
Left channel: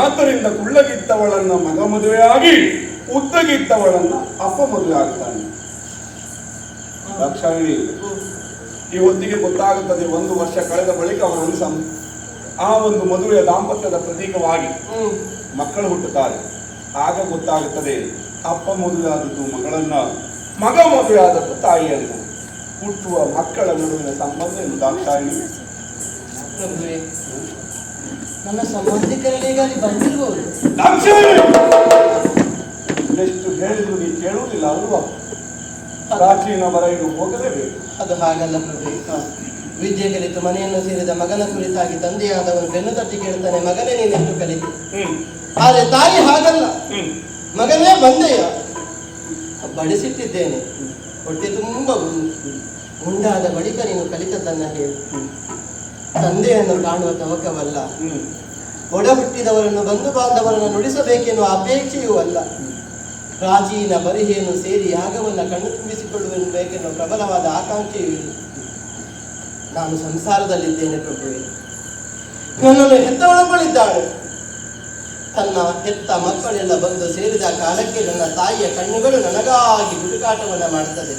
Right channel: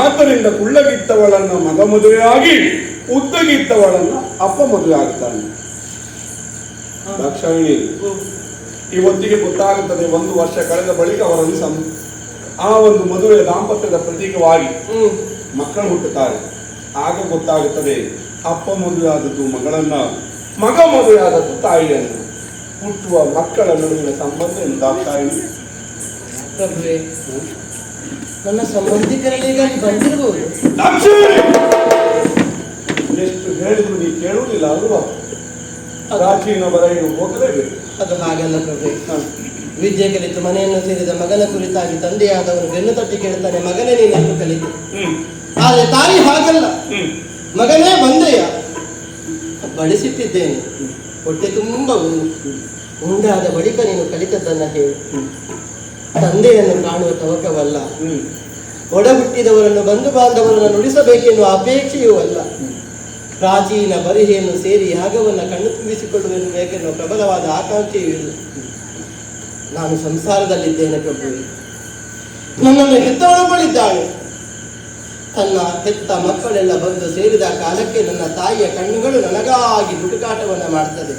ಆದ್ದರಿಂದ ಕುಳ್ಳಗಿದ್ದವಳನ್ನ ಮಗ ಮದುವೆಯಾಗಿ ಉದ್ದಗಿದ್ದವಳನ್ನ ಅಪ್ಪ ಮದುವೆ ಆಗ್ತಾನೆ. ದಾಕ್ಷಾಯಿಣಿ ಇವತ್ತಿಗೆ ಗೊತ್ತಾಗುತ್ತದೆ. 1 ವರ್ಷ ಕಳೆದ ಬಳಿಕ ಅವರಲ್ಲಿ ಆ ಒಂದು ಮದುವೆಯ ದಾಂಪತ್ಯದ ಪ್ರತೀಕವಾಗಿ ಮಕ್ಕಳು ಹುಟ್ಟುತ್ತಾರೆ. ಆಗ ಗೊತ್ತಾಗುತ್ತದೆ ಅಪ್ಪ ಮದುವೆ ಆದದ್ದು ಮಗಳನ್ನ, ಮಗ ಮದುವೆ ಆದದ್ದು ತಾಯಿಯನ್ನು. ಹುಟ್ಟುವ ಮಕ್ಕಳ ನಡುವಿನ ಸಂಬಂಧ ಎಂದು ದಾಕ್ಷಾಯಿಣಿ. ಪ್ರಭುವೇ, ನನ್ನ ಸಂಬಂಧಿಕರಿಗಾಗಿ ಬಂದಿರಬಹುದು. ದಾಕ್ಷಾಯಿಣಿ ಎಷ್ಟು ಹೇಳಿದ್ರು ನೀ ಕೇಳುವುದಿಲ್ಲ ಅಲ್ವಾ? ಪ್ರಾಚೀನ ಬರೆಯಲು ಹೋಗಲೇಬೇಕು. ಅದು ಹಾಗಲ್ಲ ಪ್ರಭು. ವಿದ್ಯೆ ಕಲಿತು ಮನೆಯನ್ನು ಸೇರಿದ ಮಗನ ಕುರಿತಾಗಿ ತಂದೆಯಾದವನು ಬೆನ್ನು ತಟ್ಟಿ ಕೇಳುತ್ತಾನೆ, ಮಗನೇ ನೀನೆಂದು ಕಲಿತು. ಆದರೆ ತಾಯಿ ಹಾಗಲ್ಲ, ಮಗನೇ ಬಂದೆಯ, ಬಡಿಸಿಟ್ಟಿದ್ದೇನೆ, ಹೊಟ್ಟೆ ತುಂಬ ಉಂಡಾದ ಬಳಿಕ ನೀನು ಕಲಿತದ್ದನ್ನ ಹೇಳು. ತಂದೆಯನ್ನು ಕಾಣುವ ತವಕವಲ್ಲ, ಒಡ ಹುಟ್ಟಿದವರನ್ನು ಬಂಧು ಬಾಂಧವರನ್ನು ನುಡಿಸಬೇಕೆನ್ನುವ ಅಪೇಕ್ಷೆಯೂ ಅಲ್ಲ. ಪ್ರಾಚೀನ ಬರಿಹೆಯನ್ನು ಸೇರಿ ಯಾಗವನ್ನು ಕಣ್ಣು ತುಂಬಿಸಿಕೊಳ್ಳುವೆನ್ನುವ ಪ್ರಬಲವಾದ ಆಕಾಂಕ್ಷೆಯೂ ಇಲ್ಲ. ನಾನು ಸಂಸಾರದಲ್ಲಿದ್ದೇನೆ ಪ್ರಭುವೆ. ನನ್ನನ್ನು ಹೆತ್ತವಳೊಬ್ಬಳಿದ್ದಾಳೆ. ತನ್ನ ಹೆತ್ತ ಮಕ್ಕಳೆಲ್ಲ ಬಂದು ಸೇರಿದ ಕಾಲಕ್ಕೆ ನನ್ನ ತಾಯಿಯ ಕಣ್ಣುಗಳು ನನಗಾಗಿ ಹುಡುಕಾಟವನ್ನ ಮಾಡ್ತದೆ.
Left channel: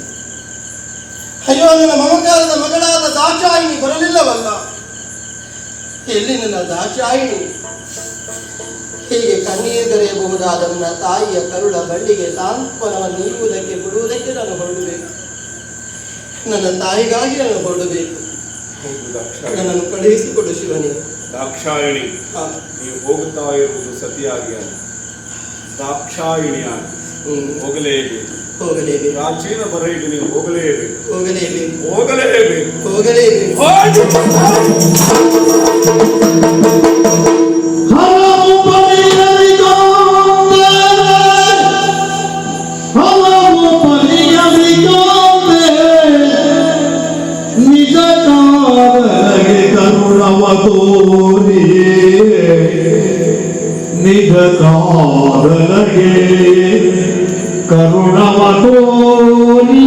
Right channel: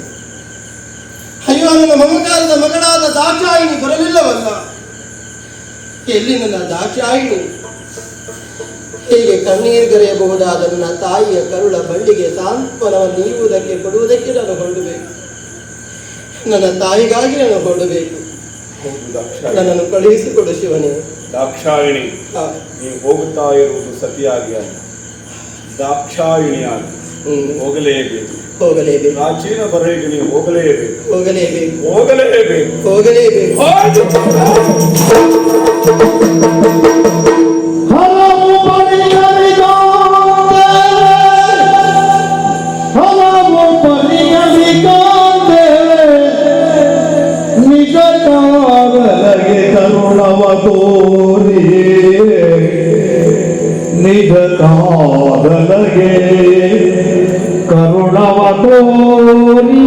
ಅಯ್ಯೋ, ನನ್ನ ಮಮಕಾರದ ಮಗಳಾದ ದಾಕ್ಷಾಯಿಣಿ ಬರಲಿಲ್ಲವಲ್ಲ. ಎಲ್ಲಿ ನನ್ನ ದಾಕ್ಷಾಯಿಣಿ? ಹೀಗೆ ಕಣ್ಣೀರುಗರೆಯಬಹುದಾದ ನನ್ನ ತಾಯಿಯ ಕರುಳ ಬಳ್ಳಿಗೆ ಸಾಂತ್ವನವನ್ನು ನೀಡುವುದಕ್ಕೆ ಕೊಡುವುದಕ್ಕೆ ನಾನು ಹೊರಡಬೇಕು. ನನ್ನ ತಾಯಿಗಾಗಿ ನಾನು ಹೊರಡಬೇಕು. ನನ್ನನ್ನು ಕಳುಹಿಸಿಕೊಡು ಶಿವನೇ. ದಾಕ್ಷಾಯಿಣಿ, ನೀವು ಹೋಗುತ್ತಾ ಇರುವುದು ಸತಿಯಾಗಿ ಅಲ್ಲ, ದಾಕ್ಷಾಯಿಣಿಯಾಗಿ ಹೋಗಲೇಬೇಕು. ಹೋಗಲೇಬೇಕು. ಪ್ರಾಚೀನ ಬರೆಗೆ ನೀವು ಹೋಗಲೇಬೇಕು. ಹೋಗಲೇಬೇಕು. ಹೋಗಲೇಬೇಕು. ಹೋಗಲೇಬೇಕು. ಹಲವು ಪರಿಗಣಿಕಾಂತೆ, ಹಲವು ಪರಿಗಣಿಕಾಂತೆ, ನಿಜ ಕಾಲಗೆ ಕರುಣವ ತೋರಿ, ನಿಜ ಕಾಲಗೆ ಕರುಣವ ತೋರಿ.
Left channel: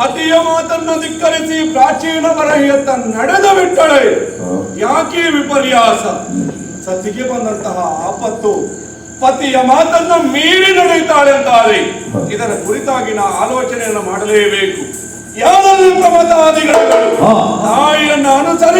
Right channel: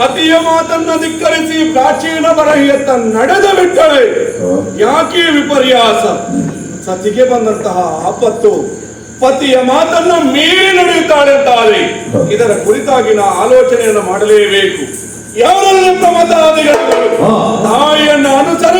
ಪತಿಯ ಮಾತನ್ನು ಧಿಕ್ಕರಿಸಿ ಪ್ರಾಚೀನ ಬರಹಿಯತ್ತ ನಡೆದ ಬಿಟ್ಟಳೆ. ಯಾಕೆ ವಿಪರ್ಯಾಸ? ಸತಿಗೆ ಬಂದಂತಹ ಆಪತ್ತು ಪತಿಯ ಮಾತನ್ನು ಮೀರಿ ನಡೆಯುತ್ತಾಳೆ ಅಂತಾದರೆ ಇದರ ಕುರಿತಾಗಿನ ಆಲೋಚನೆಯನ್ನು ಮಾಡಲೇಬೇಕು. ಯಾರಲ್ಲಿ ಪ್ರಮದಾದಿಗಳು ತಾಯಿಯನ್ನು ಅನುಸರಿಸಿ